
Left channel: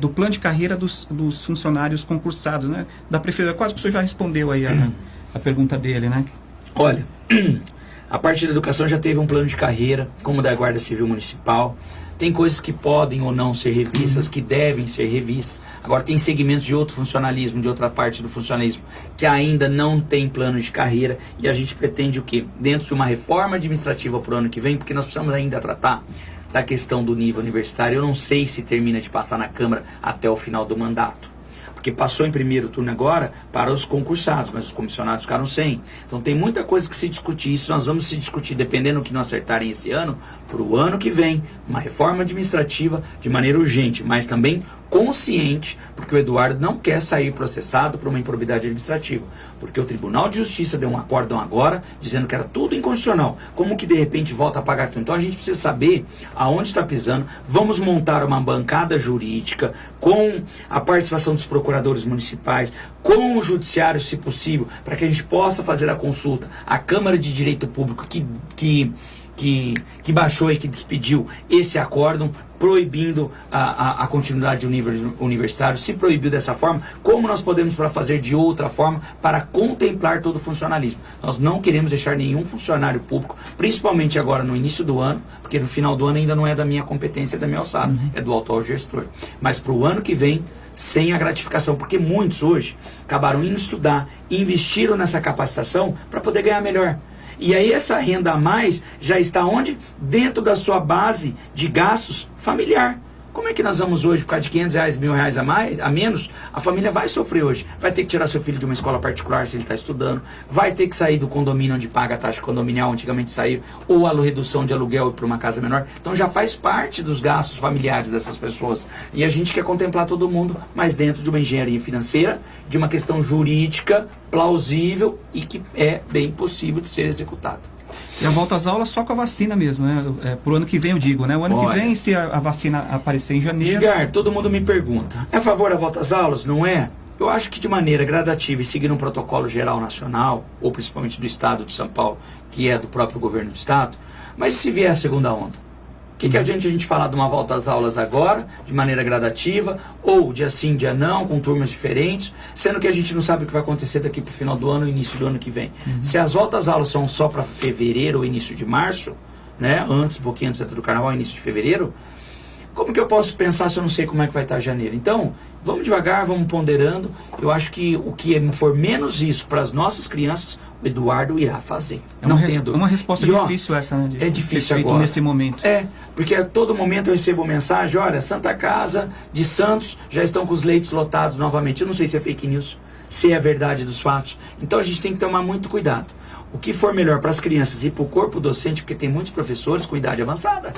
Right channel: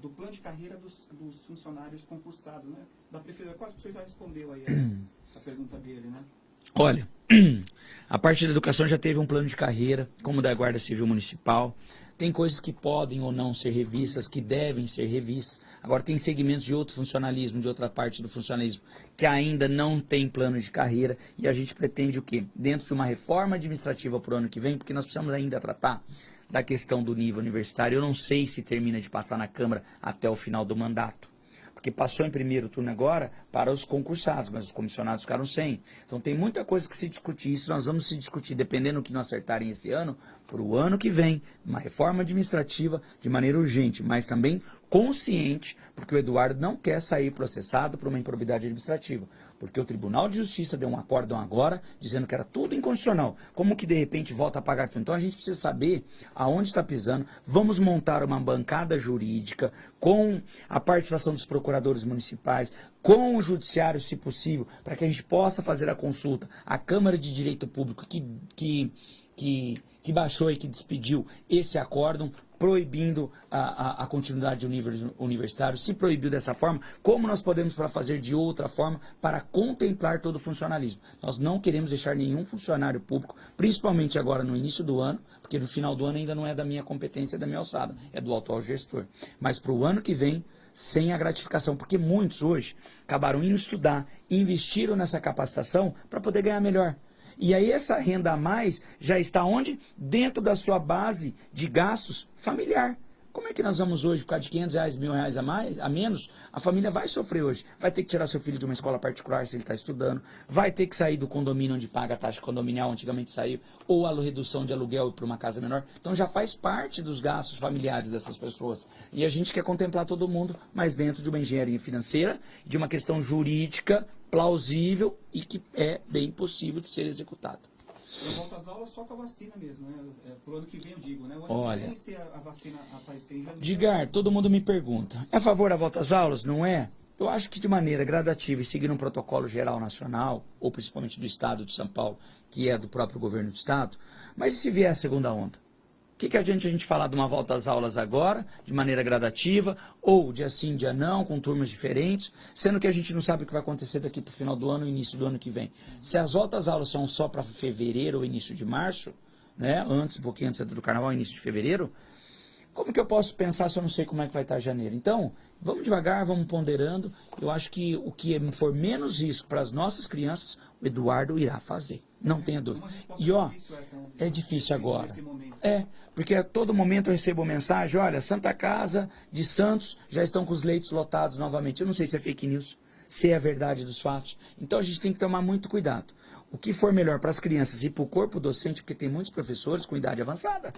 do plano de carreira dos funcionários concursados, né? Da prefeitura. Quase que o senhor já respondeu aí a pergunta dele, né? Olha, a parte da educação já teve um plano de carreira, como o da Guarda Civil Municipal. Tem coisas que podem ou não ser revistas, que devem ser revistas. Agora, tem segmentos de outro funcionalismo, de outra parte do funcionalismo, que ainda não tem plano de carreira. E a gente pretende o quê? Dentro de uma reforma administrativa para o ano que vem, porque nós precisamos ainda tratar da questão do nível universitário. Eu não sei se termina de passar na Câmara até o final do mandato, porque passou em primeiro turno agora para os concursados, mas os comissionados ficaram sem. Então tem muita coisa que se discutir. Isso nós vamos se discutir, dependendo do que não acertarem esse ano, para o ano que vem, uma reforma administrativa de maneira urgente, mas também consciente, porque o Eduardo não quer sair processado por uma improbidade administrativa, porque o Tribunal de Justiça deu um acórdão agora, dizendo que era tudo inconstitucional. Como que de repente volta a pagar tudo? Então a gente precisa saber aonde está pisando. Vamos montar uma bancada jurídica com a participação dos procuradores municipais, com o judiciário, se possível, para que a gente possa fazer a consulta à Câmara de Direito Público que baixou e que despediu esse acórdão, proibindo a continuidade do nível universitário. Se proibiu dessa forma, como nós podemos fazer de outra forma para contemplar todo o funcionalismo? Nós não queremos deixar nenhum funcionário público, principalmente agora no início do ano, porque no final do ano ainda não é da minha competência, da minha alçada, é do atual gestor. Mas para o ano que vem, sem a gratificação, porque muitos hoje acabaram indo estudar, investiram nessa capacitação para poder ganhar melhor. E aí essa renda a mais já está onde? Dentro da sua base de gastos familiar. Como é que nós vamos hoje, por causa de R$500, R$1.000 a menos, a família vai sofrer hoje. Vai ter que tirar seu filho de uma escola particular se ele está estudando, vai ter que sair do condomínio onde paga a taxa condominial, antigamente saiu, ou a redução de aluguel para uma casa menor. Então já faz parte dos gastos familiares dessas pessoas. E a gente quer contemplar todo mundo, mas dentro de uma engenharia financeira, de uma questão jurídica, plausível e que é bem possível de ser executada. E a volta às aulas só com a vacina mesmo, né? Pro ano que vem eu digo, né? O ano que vem, se a vacina aparecer em janeiro... Edgar, todo mundo me pergunta, é a favor da volta às aulas? Não é? Eu acho que de maneira gradativa e seguindo um protocolo geral nacional, ou principalmente do Estado de São Paulo, que é do próprio governo do Estado, mas se vier a segunda onda? O que adianta a gente falar de uma volta às aulas agora, de maneira gradativa, ou dia sim, dia não, com turmas diferentes, sendo que a gente não sabe o que vai acontecer daqui para o final do ano, início do ano que vem. Se as voltas às aulas são só para fevereiro ou início de março, né? Antes, um pouquinho antes do carnaval, início de fevereiro. Como que eu posso pensar se eu não sei como é que vai estar janeiro? Então, vamos devagar, vamos ponderando. Eu acho que o que for menos isso para as nossas crianças, o Eduardo irá fazer. Não tenha dúvida. É uma resposta difícil essa, né? É difícil agora. Nesse momento. Porque a todo momento eu recebo mensagem, olha, Santa Casa de Santos já estão com os leitos lotados novamente. Eu não sei se é fake news, se é verdade dos fatos. Então a gente tem que tomar muito cuidado. O que for melhor para as crianças e para o corpo docente, porque tem muitos professores com idade avançada.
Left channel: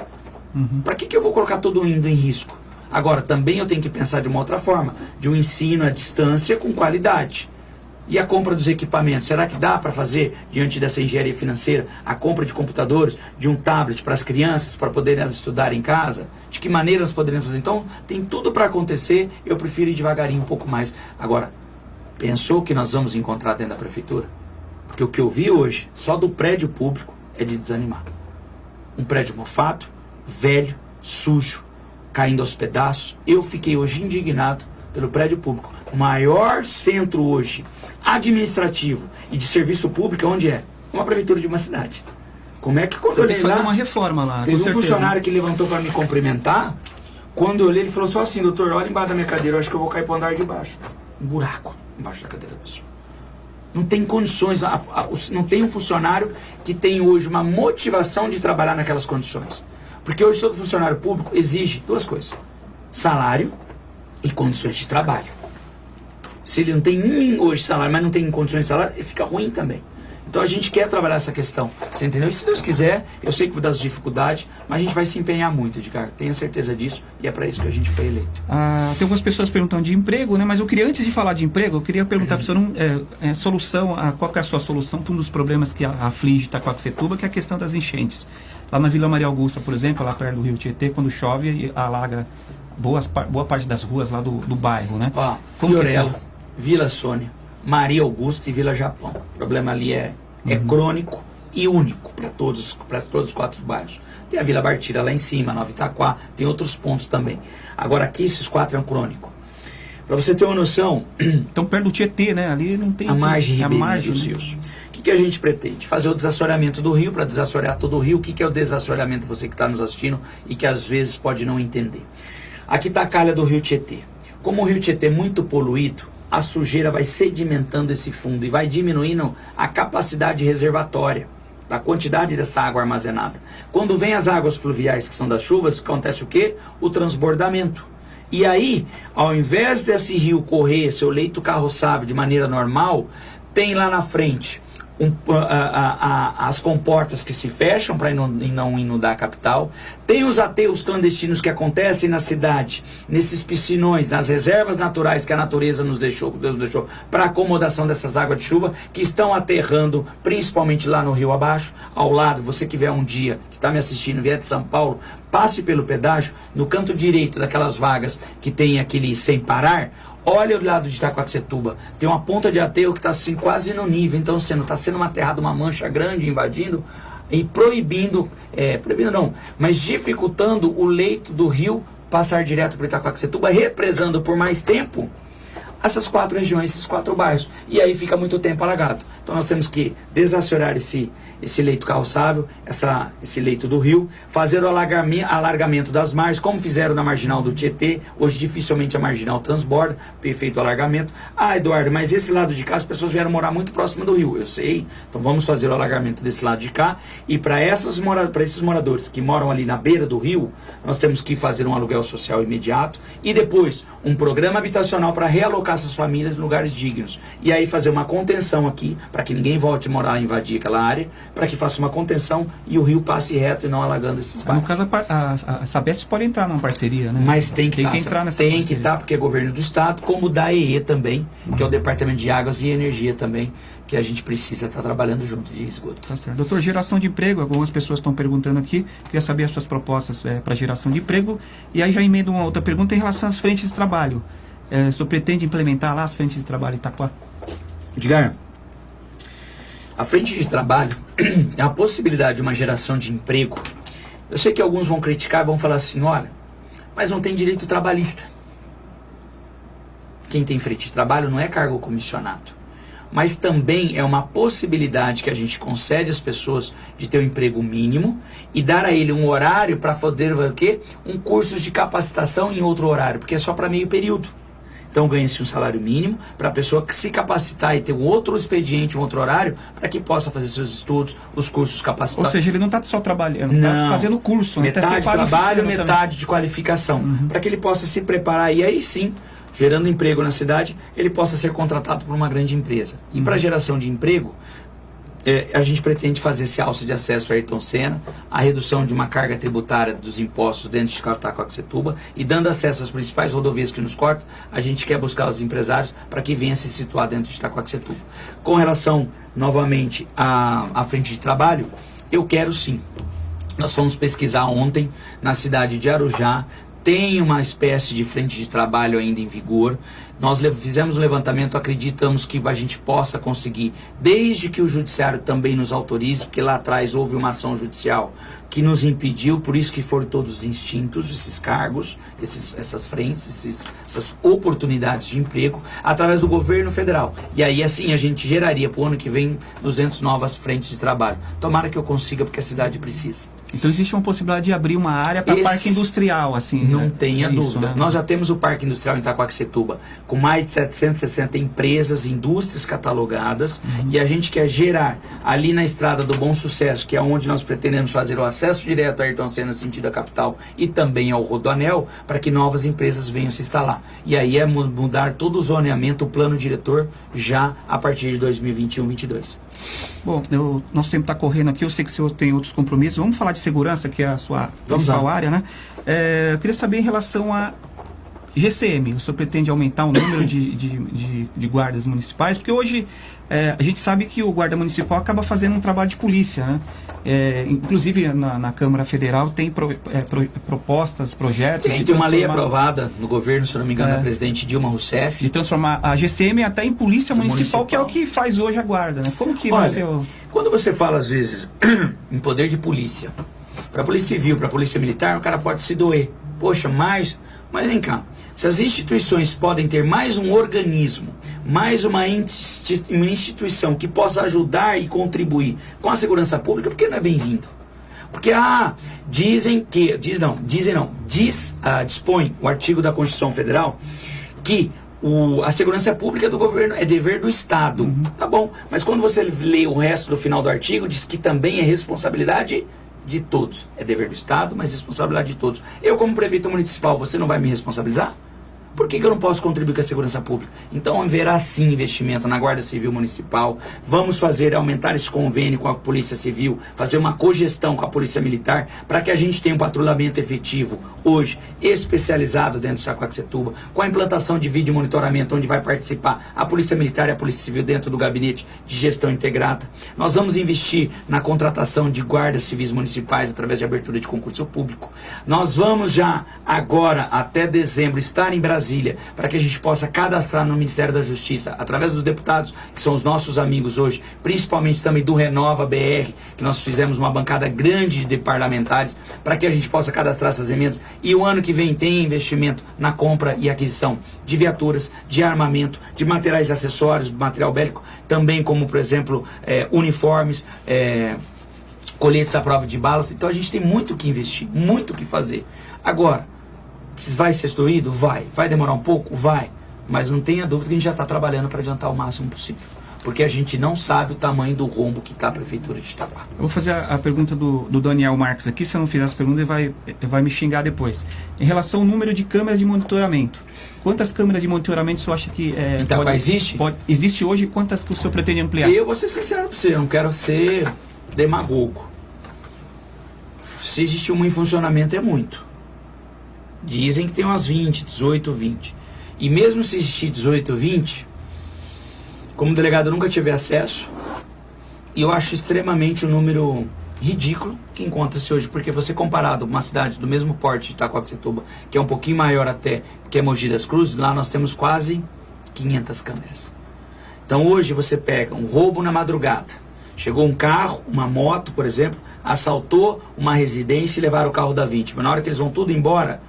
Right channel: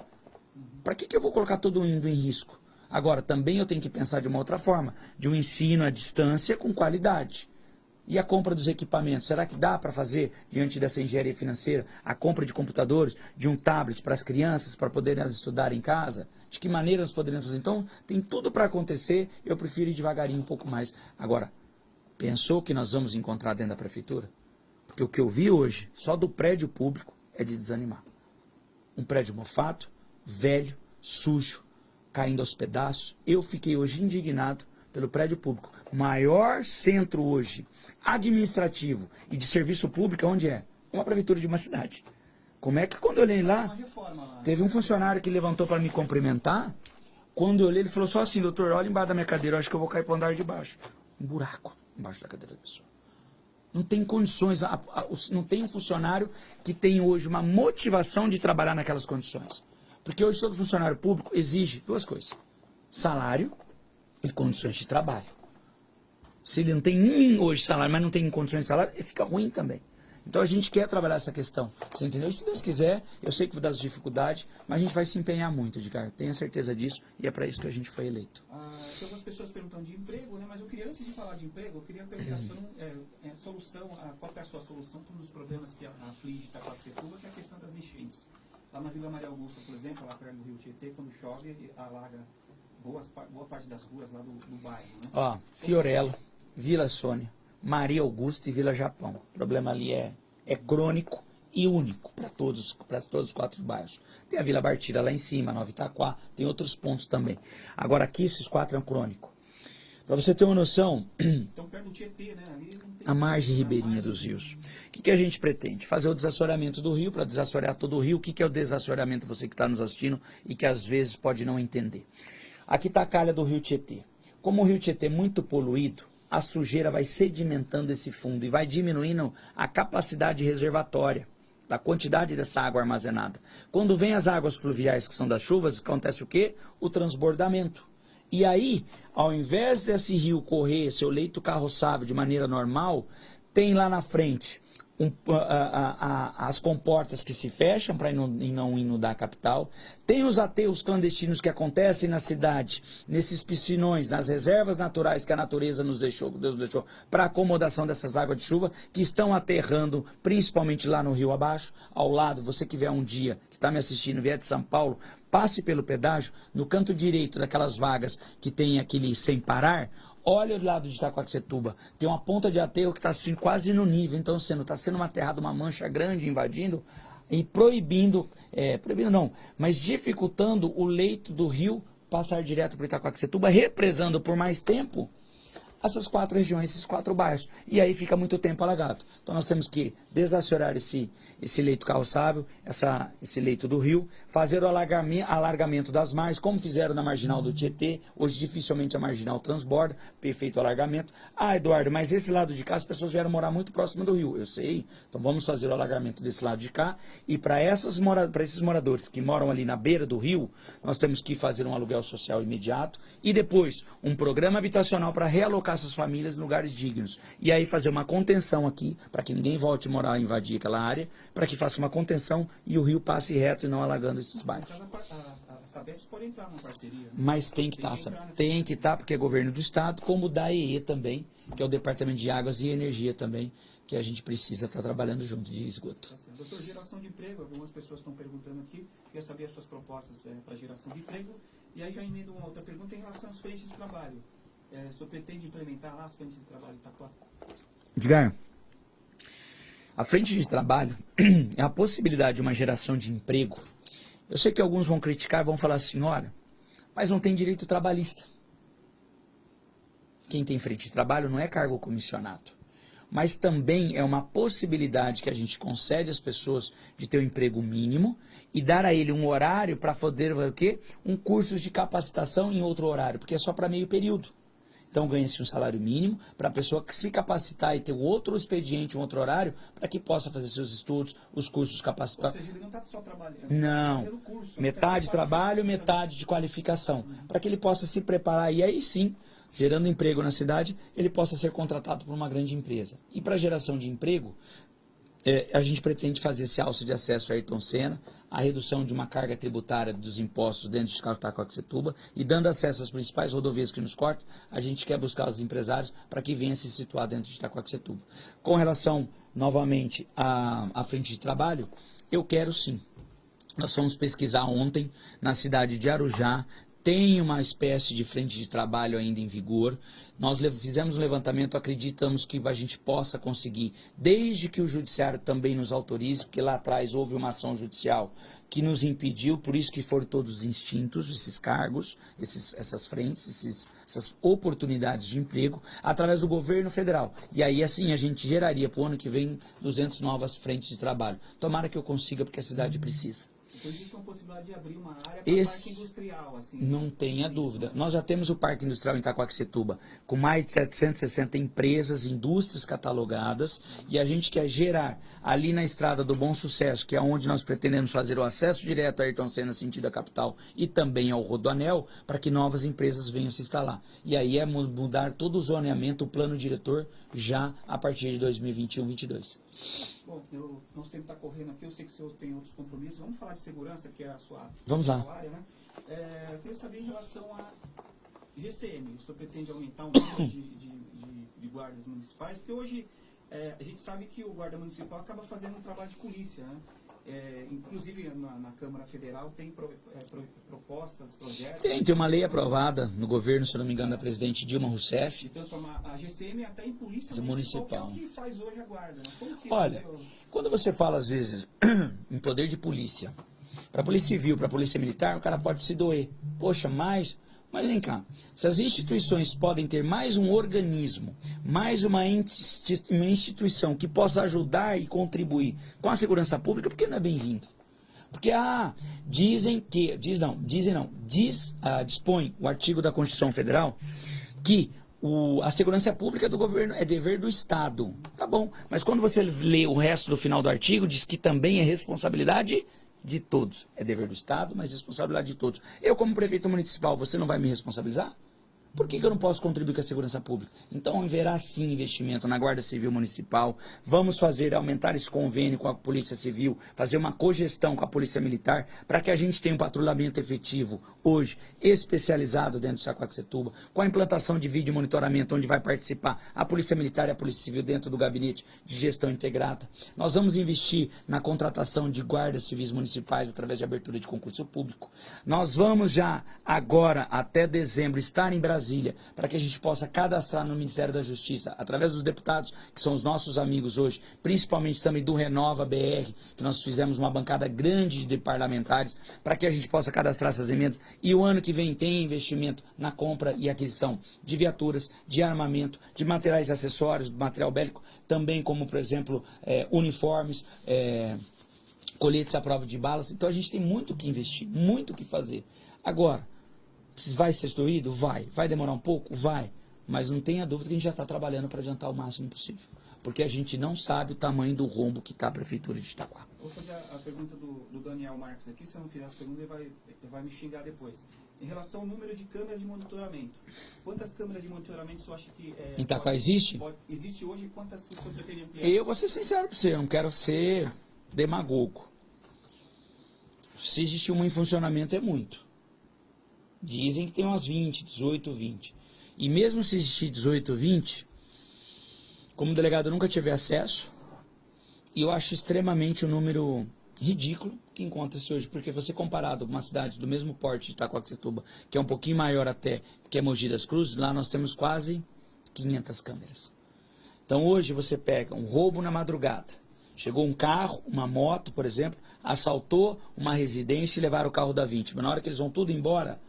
Para que eu vou colocar todo mundo em risco? Agora, também eu tenho que pensar de uma outra forma, de um ensino à distância com qualidade. E a compra dos equipamentos? Será que dá para fazer, diante dessa engenharia financeira, a compra de computadores, de um tablet para as crianças, para poderem elas estudar em casa? De que maneira nós poderíamos fazer? Então, tem tudo para acontecer, eu prefiro ir devagarinho um pouco mais. Agora, pensou que nós vamos encontrar dentro da prefeitura? Porque o que eu vi hoje, só do prédio público, é de desanimar. Um prédio mofado, velho, sujo, caindo aos pedaços. Eu fiquei hoje indignado pelo prédio público. O maior centro hoje administrativo e de serviço público, onde é? Uma prefeitura de uma cidade. Como é que quando eu olhei lá, uma reforma lá, teve um funcionário que levantou para me cumprimentar. Quando eu olhei, ele falou só assim: doutor, olha embaixo da minha cadeira, eu acho que eu vou cair para o andar de baixo. Um buraco embaixo da cadeira da pessoa. Não tem condições, não tem um funcionário que tem hoje uma motivação de trabalhar naquelas condições. Porque hoje todo funcionário público exige duas coisas: salário e condições de trabalho. Se ele não tem nem hoje salário, mas não tem condições de salário, ele fica ruim também. Então a gente quer trabalhar essa questão, você entendeu? E se Deus quiser, eu sei que vou dar as dificuldades, mas a gente vai se empenhar muito, Edgar. Tenha certeza disso, e é para isso que a gente foi eleito. Tem algumas pessoas perguntando de emprego, né? Mas eu queria, antes de falar de emprego, eu queria perguntar para o senhor qual que é a sua solução para um dos problemas que aflige Itaquaquecetuba, que é a questão das enchentes. Lá na Vila Maria Augusta, por exemplo, lá perto do Rio Tietê, quando chove, alaga boa parte das ruas lá do bairro, né? Fiorella, Vila Sônia, Maria Augusta e Vila Japão. O problema ali é crônico e único para todos os 4 bairros. Tem a Vila Bartira lá em cima, Nova Itaquá, tem outros pontos também. Agora aqui esses 4 é um crônico. Para você ter uma noção... Então perto do Tietê, né? Ali não tem... A margem ribeirinha dos rios. O que a gente pretende? Fazer o desassoreamento do rio, para desassorear todo o rio. O que é o desassoreamento, você que está nos assistindo e que às vezes pode não entender? Aqui está a calha do Rio Tietê. Como o Rio Tietê é muito poluído, a sujeira vai sedimentando esse fundo e vai diminuindo a capacidade reservatória da quantidade dessa água armazenada. Quando vem as águas pluviais, que são das chuvas, acontece o quê? O transbordamento. E aí, ao invés desse rio correr seu leito carroçável de maneira normal, tem lá na frente as comportas que se fecham para não inundar a capital. Tem os aterros clandestinos que acontecem na cidade, nesses piscinões, nas reservas naturais que a natureza nos deixou, que Deus nos deixou, para acomodação dessas águas de chuva, que estão aterrando, principalmente lá no rio abaixo, ao lado. Você que vier um dia, que está me assistindo, vier de São Paulo, passe pelo pedágio, no canto direito daquelas vagas que tem aquele sem parar, olha o lado de Itaquaquecetuba, tem uma ponta de aterro que está assim quase no nível, então está sendo uma aterrada, uma mancha grande invadindo e proibindo não, mas dificultando o leito do rio passar direto para Itaquaquecetuba, represando por mais tempo essas 4 regiões, esses 4 bairros. E aí fica muito tempo alagado. Então nós temos que desassorear esse leito carroçável, esse leito do rio, fazer o alargamento das margens, como fizeram na marginal do Tietê. Hoje dificilmente a marginal transborda, perfeito alargamento. Eduardo, mas esse lado de cá as pessoas vieram morar muito próximo do rio. Eu sei, então vamos fazer o alargamento desse lado de cá. E para esses moradores que moram ali na beira do rio, nós temos que fazer um aluguel social imediato e depois um programa habitacional para realocar essas famílias em lugares dignos. E aí fazer uma contenção aqui, para que ninguém volte a morar e invadir aquela área, para que faça uma contenção e o rio passe reto e não alagando esses bairros. No caso, a Sabesp pode entrar numa parceria, né? Mas tem que entrar nessa parceria. Tem que estar, porque é governo do estado, como da EE também, que é o Departamento de Águas e Energia também, que a gente precisa estar trabalhando junto de esgoto. Tá certo. Doutor, geração de emprego, algumas pessoas estão perguntando aqui, queria saber as suas propostas para geração de emprego, e aí já emendo uma outra pergunta em relação às frentes de trabalho. O senhor pretende implementar lá as frentes de trabalho em Itaquá? Edgar, a frente de trabalho é a possibilidade de uma geração de emprego. Eu sei que alguns vão criticar, vão falar assim, olha, mas não tem direito trabalhista. Quem tem frente de trabalho não é cargo comissionado. mas também é uma possibilidade que a gente concede às pessoas de ter um emprego mínimo e dar a ele um horário para poder o quê? Um curso de capacitação em outro horário, porque é só para meio período. Então ganha-se um salário mínimo para a pessoa se capacitar e ter um outro expediente, um outro horário, para que possa fazer seus estudos, os cursos capacitados. Ou seja, ele não está só trabalhando, está fazendo curso. Metade trabalho, metade de qualificação. Para que ele possa se preparar e aí sim, gerando emprego na cidade, ele possa ser contratado por uma grande empresa. E para a geração de emprego, a gente pretende fazer esse alço de acesso a Ayrton Senna, a redução de uma carga tributária dos impostos dentro de Itaquaquecetuba e dando acesso às principais rodovias que nos cortam, a gente quer buscar os empresários para que venham se situar dentro de Itaquaquecetuba. Com relação, novamente, à frente de trabalho, eu quero sim. Nós fomos pesquisar ontem na cidade de Arujá, tem uma espécie de frente de trabalho ainda em vigor. Nós fizemos um levantamento, acreditamos que a gente possa conseguir, desde que o judiciário também nos autorize, porque lá atrás houve uma ação judicial que nos impediu, por isso que foram todos extintos, esses cargos, essas frentes, essas oportunidades de emprego, através do governo federal. E aí assim a gente geraria para o ano que vem 200 novas frentes de trabalho. Tomara que eu consiga, porque a cidade precisa. Então existe uma possibilidade de abrir uma área para parque industrial, assim. Não tenha dúvida. Né? Nós já temos o Parque Industrial em Itaquaquecetuba, com mais de 760 empresas, indústrias catalogadas, e a gente quer gerar ali na Estrada do Bom Sucesso, que é onde nós pretendemos fazer o acesso direto a Ayrton Senna, sentido a capital, e também ao Rodoanel, para que novas empresas venham se instalar. E aí é mudar todo o zoneamento, o plano diretor, já a partir de 2021-22. Bom, nosso tempo está correndo aqui, eu sei que o senhor tem outros compromissos. Vamos falar de segurança, que é a sua principal área, né? Eu queria saber em relação a GCM, o senhor pretende aumentar o número de guardas municipais? Porque hoje a gente sabe que o guarda municipal acaba fazendo um trabalho de polícia, né? Inclusive na Câmara Federal tem propostas, projetos... Tem uma lei aprovada no governo, se eu não me engano, da presidente Dilma Rousseff. De transformar a GCM até em polícia municipal, que é o que faz hoje a guarda, né? Como que vai ser o... Quando você fala, às vezes, em poder de polícia, para a polícia civil, para a polícia militar, o cara pode se doer. Poxa, mas vem cá, se as instituições podem ter mais um organismo, mais uma instituição que possa ajudar e contribuir com a segurança pública, por que não é bem-vindo? Porque, dispõe o artigo da Constituição Federal que a segurança pública do governo é dever do Estado. Tá bom, mas quando você lê o resto do final do artigo, diz que também é responsabilidade de todos. É dever do Estado, mas responsabilidade de todos. Eu, como prefeito municipal, você não vai me responsabilizar? Por que eu não posso contribuir com a segurança pública? Então haverá sim investimento na Guarda Civil Municipal. Vamos aumentar esse convênio com a Polícia Civil, fazer uma cogestão com a Polícia Militar, para que a gente tenha um patrulhamento efetivo, hoje, especializado dentro de Itaquaquecetuba, com a implantação de vídeo monitoramento, onde vai participar a Polícia Militar e a Polícia Civil dentro do gabinete de gestão integrada. Nós vamos investir na contratação de guardas civis municipais através de abertura de concurso público. Nós vamos já, agora, até dezembro, estar em Brasília, para que a gente possa cadastrar no Ministério da Justiça, através dos deputados, que são os nossos amigos hoje, principalmente também do Renova BR, que nós fizemos uma bancada grande de parlamentares, para que a gente possa cadastrar essas emendas. E o ano que vem tem investimento na compra e aquisição de viaturas, de armamento, de materiais acessórios, material bélico, também como, por exemplo, uniformes, coletes à prova de balas. Então a gente tem muito o que investir, muito o que fazer. Agora, vai ser doído? Vai. Vai demorar um pouco? Vai. Mas não tenha dúvida que a gente já está trabalhando para adiantar o máximo possível. Porque a gente não sabe o tamanho do rombo que está a Prefeitura de Itaquá. Eu vou fazer a pergunta do Daniel Marques aqui. Se eu não fizer essa pergunta, ele vai me xingar depois. Em relação ao número de câmeras de monitoramento. Quantas câmeras de monitoramento o senhor acha que... existe hoje? Quantas que o senhor pretende ampliar? Eu vou ser sincero para você. Eu não quero ser demagogo. Se existe uma em funcionamento, é muito. Dizem que tem umas 20, 18, 20. E mesmo se existir 18, 20, como delegado eu nunca tive acesso, e eu acho extremamente um número ridículo que encontra-se hoje, porque você comparado uma cidade do mesmo porte de Itaquaquecetuba, que é um pouquinho maior até que é Mogi das Cruzes, lá nós temos quase 500 câmeras. Então hoje você pega um roubo na madrugada, chegou um carro, uma moto, por exemplo, assaltou uma residência e levaram o carro da vítima. Na hora que eles vão tudo embora,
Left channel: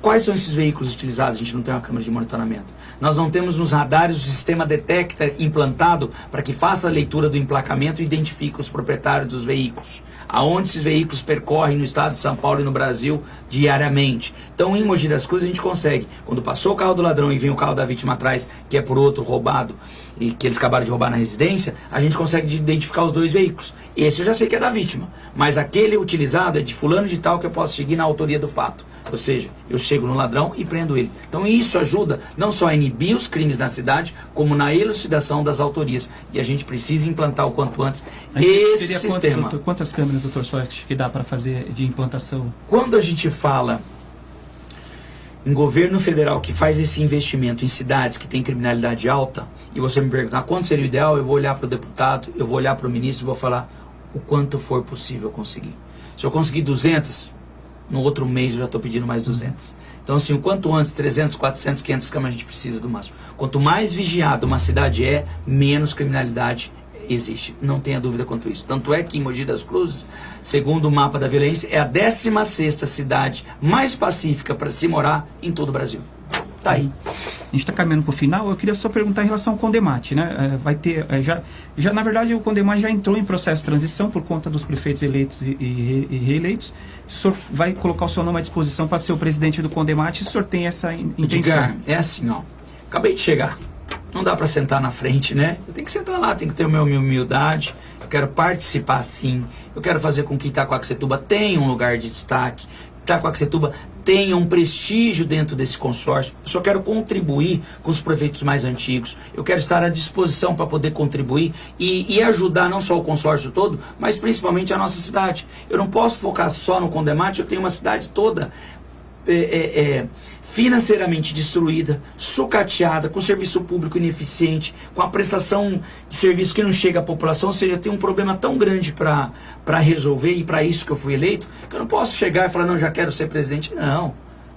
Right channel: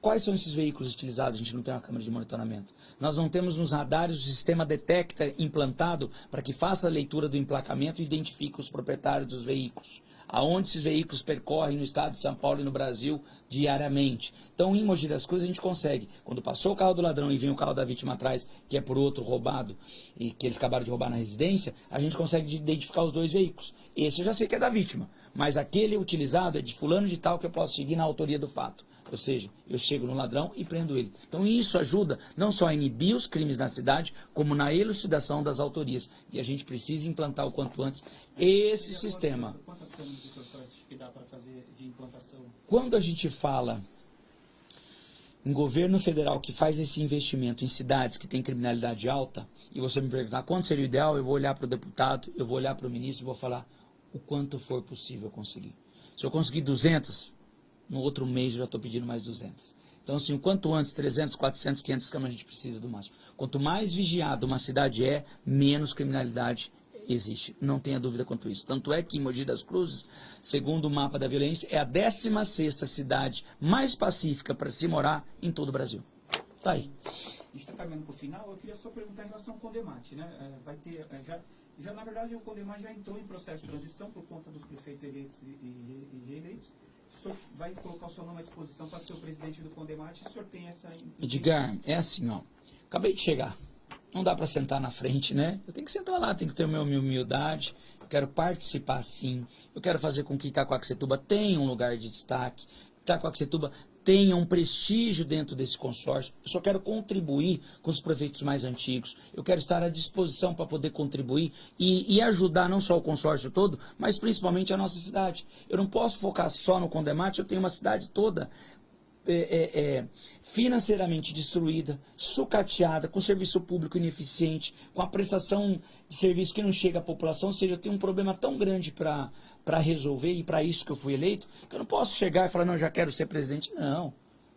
Quais são esses veículos utilizados? A gente não tem uma câmera de monitoramento. Nós não temos nos radares o sistema detecta implantado para que faça a leitura do emplacamento e identifique os proprietários dos veículos. Aonde esses veículos percorrem no estado de São Paulo e no Brasil diariamente. Então, em Mogi das Cruzes, a gente consegue, quando passou o carro do ladrão e vem o carro da vítima atrás, que é por outro roubado, e que eles acabaram de roubar na residência, a gente consegue identificar os dois veículos. Esse eu já sei que é da vítima, mas aquele utilizado é de fulano de tal que eu posso seguir na autoria do fato. Ou seja, eu chego no ladrão e prendo ele. Então isso ajuda não só a inibir os crimes na cidade, como na elucidação das autorias. E a gente precisa implantar o quanto antes esse sistema. Quantas câmeras, doutor Soft, que dá para fazer de implantação? Quando a gente fala em governo federal que faz esse investimento em cidades que têm criminalidade alta, e você me perguntar quanto seria o ideal, eu vou olhar para o deputado, eu vou olhar para o ministro e vou falar o quanto for possível conseguir. Se eu conseguir 200, no outro mês eu já estou pedindo mais 200. Então, assim, o quanto antes, 300, 400, 500 câmeras a gente precisa do máximo. Quanto mais vigiada uma cidade é, menos criminalidade existe. Não tenha dúvida quanto isso. Tanto é que em Mogi das Cruzes, segundo o mapa da violência, é a 16ª cidade mais pacífica para se morar em todo o Brasil. Tá aí. A gente está caminhando para o final. Eu queria só perguntar em relação ao Condemate, né? Vai ter, na verdade, o Condemate já entrou em processo de transição por conta dos prefeitos eleitos e reeleitos. O senhor vai colocar o seu nome à disposição para ser o presidente do Condemate? O senhor tem essa intenção? Edgar, é assim, ó. Acabei de chegar. Não dá para sentar na frente, né? Eu tenho que sentar lá, tenho que ter a minha humildade. Eu quero participar, sim. Eu quero fazer com que Itaquaquecetuba tenha um lugar de destaque. Itaquaquecetuba tenha um prestígio dentro desse consórcio. Eu só quero contribuir com os prefeitos mais antigos. Eu quero estar à disposição para poder contribuir e ajudar não só o consórcio todo, mas principalmente a nossa cidade. Eu não posso focar só no Condemate, eu tenho uma cidade toda financeiramente destruída, sucateada, com serviço público ineficiente, com a prestação de serviço que não chega à população. Ou seja, tem um problema tão grande para resolver, e para isso que eu fui eleito, que eu não posso chegar e falar, não, já quero ser presidente. Não.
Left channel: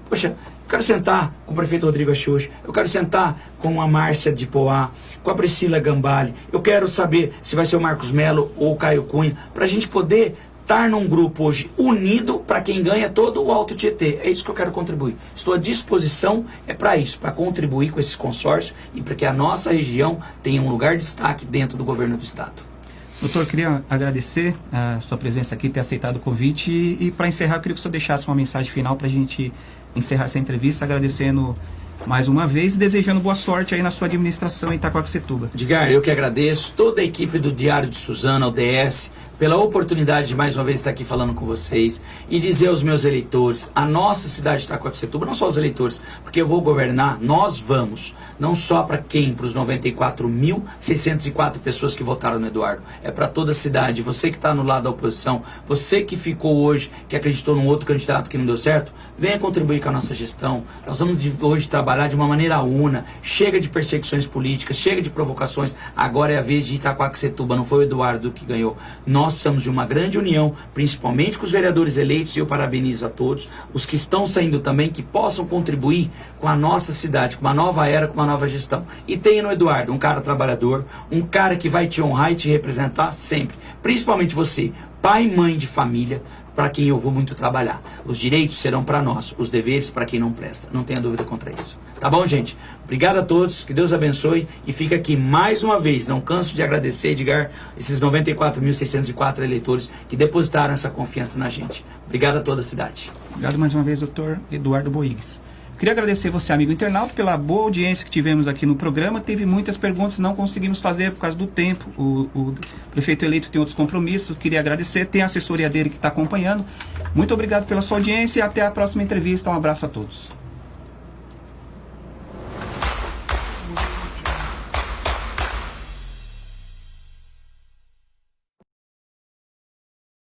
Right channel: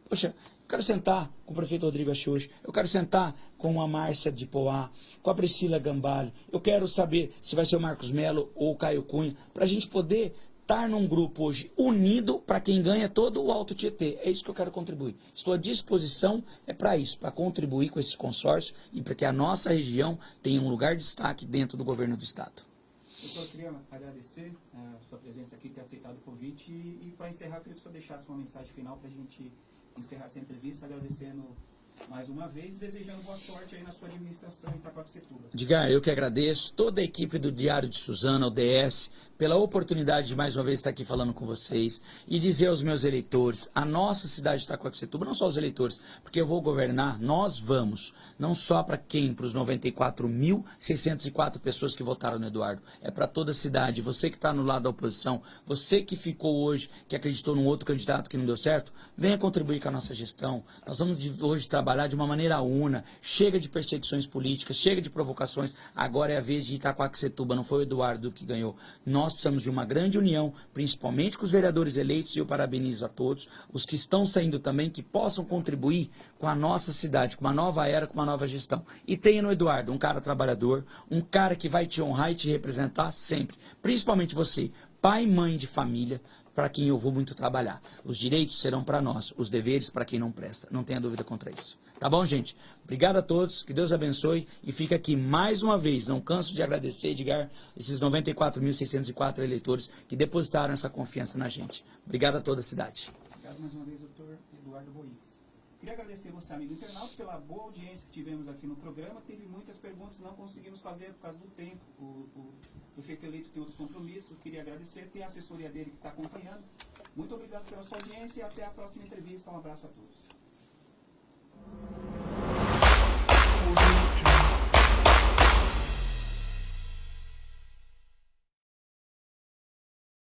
Poxa, eu quero sentar com o prefeito Rodrigo Axuxa, eu quero sentar com a Márcia de Poá, com a Priscila Gambale, eu quero saber se vai ser o Marcos Melo ou o Caio Cunha, para a gente poder estar num grupo hoje unido para quem ganha todo o Alto Tietê. É isso que eu quero contribuir. Estou à disposição, para isso, para contribuir com esse consórcio e para que a nossa região tenha um lugar de destaque dentro do governo do estado. Doutor, eu queria agradecer a sua presença aqui, ter aceitado o convite e para encerrar, eu queria que o senhor deixasse uma mensagem final para a gente encerrar essa entrevista, agradecendo mais uma vez e desejando boa sorte aí na sua administração em Itaquaquecetuba. Edgar, eu que agradeço toda a equipe do Diário de Suzano, o DS, pela oportunidade de mais uma vez estar aqui falando com vocês e dizer aos meus eleitores, a nossa cidade de Itaquaquecetuba, não só os eleitores, porque eu vou governar, nós vamos, não só para quem, para os 94.604 pessoas que votaram no Eduardo, é para toda a cidade. Você que está no lado da oposição, você que ficou hoje, que acreditou num outro candidato que não deu certo, venha contribuir com a nossa gestão. Nós vamos hoje trabalhar de uma maneira una, chega de perseguições políticas, chega de provocações, agora é a vez de Itaquaquecetuba, não foi o Eduardo que ganhou. Nós precisamos de uma grande união, principalmente com os vereadores eleitos, e eu parabenizo a todos, os que estão saindo também, que possam contribuir com a nossa cidade, com uma nova era, com uma nova gestão. E tenha no Eduardo um cara trabalhador, um cara que vai te honrar e te representar sempre, principalmente você, pai e mãe de família, para quem eu vou muito trabalhar. Os direitos serão para nós, os deveres para quem não presta. Não tenha dúvida contra isso. Tá bom, gente? Obrigado a todos, que Deus abençoe. E fica aqui mais uma vez, não canso de agradecer, Edgar, esses 94.604 eleitores que depositaram essa confiança na gente. Obrigado a toda a cidade. Obrigado mais uma vez, doutor Eduardo Boigues. Queria agradecer você, amigo internauta, pela boa audiência que tivemos aqui no programa. Teve muitas perguntas, não conseguimos fazer por causa do tempo. O prefeito eleito tem outros compromissos. Queria agradecer, tem a assessoria dele que está acompanhando. Muito obrigado pela sua audiência e até a próxima entrevista. Um abraço a todos.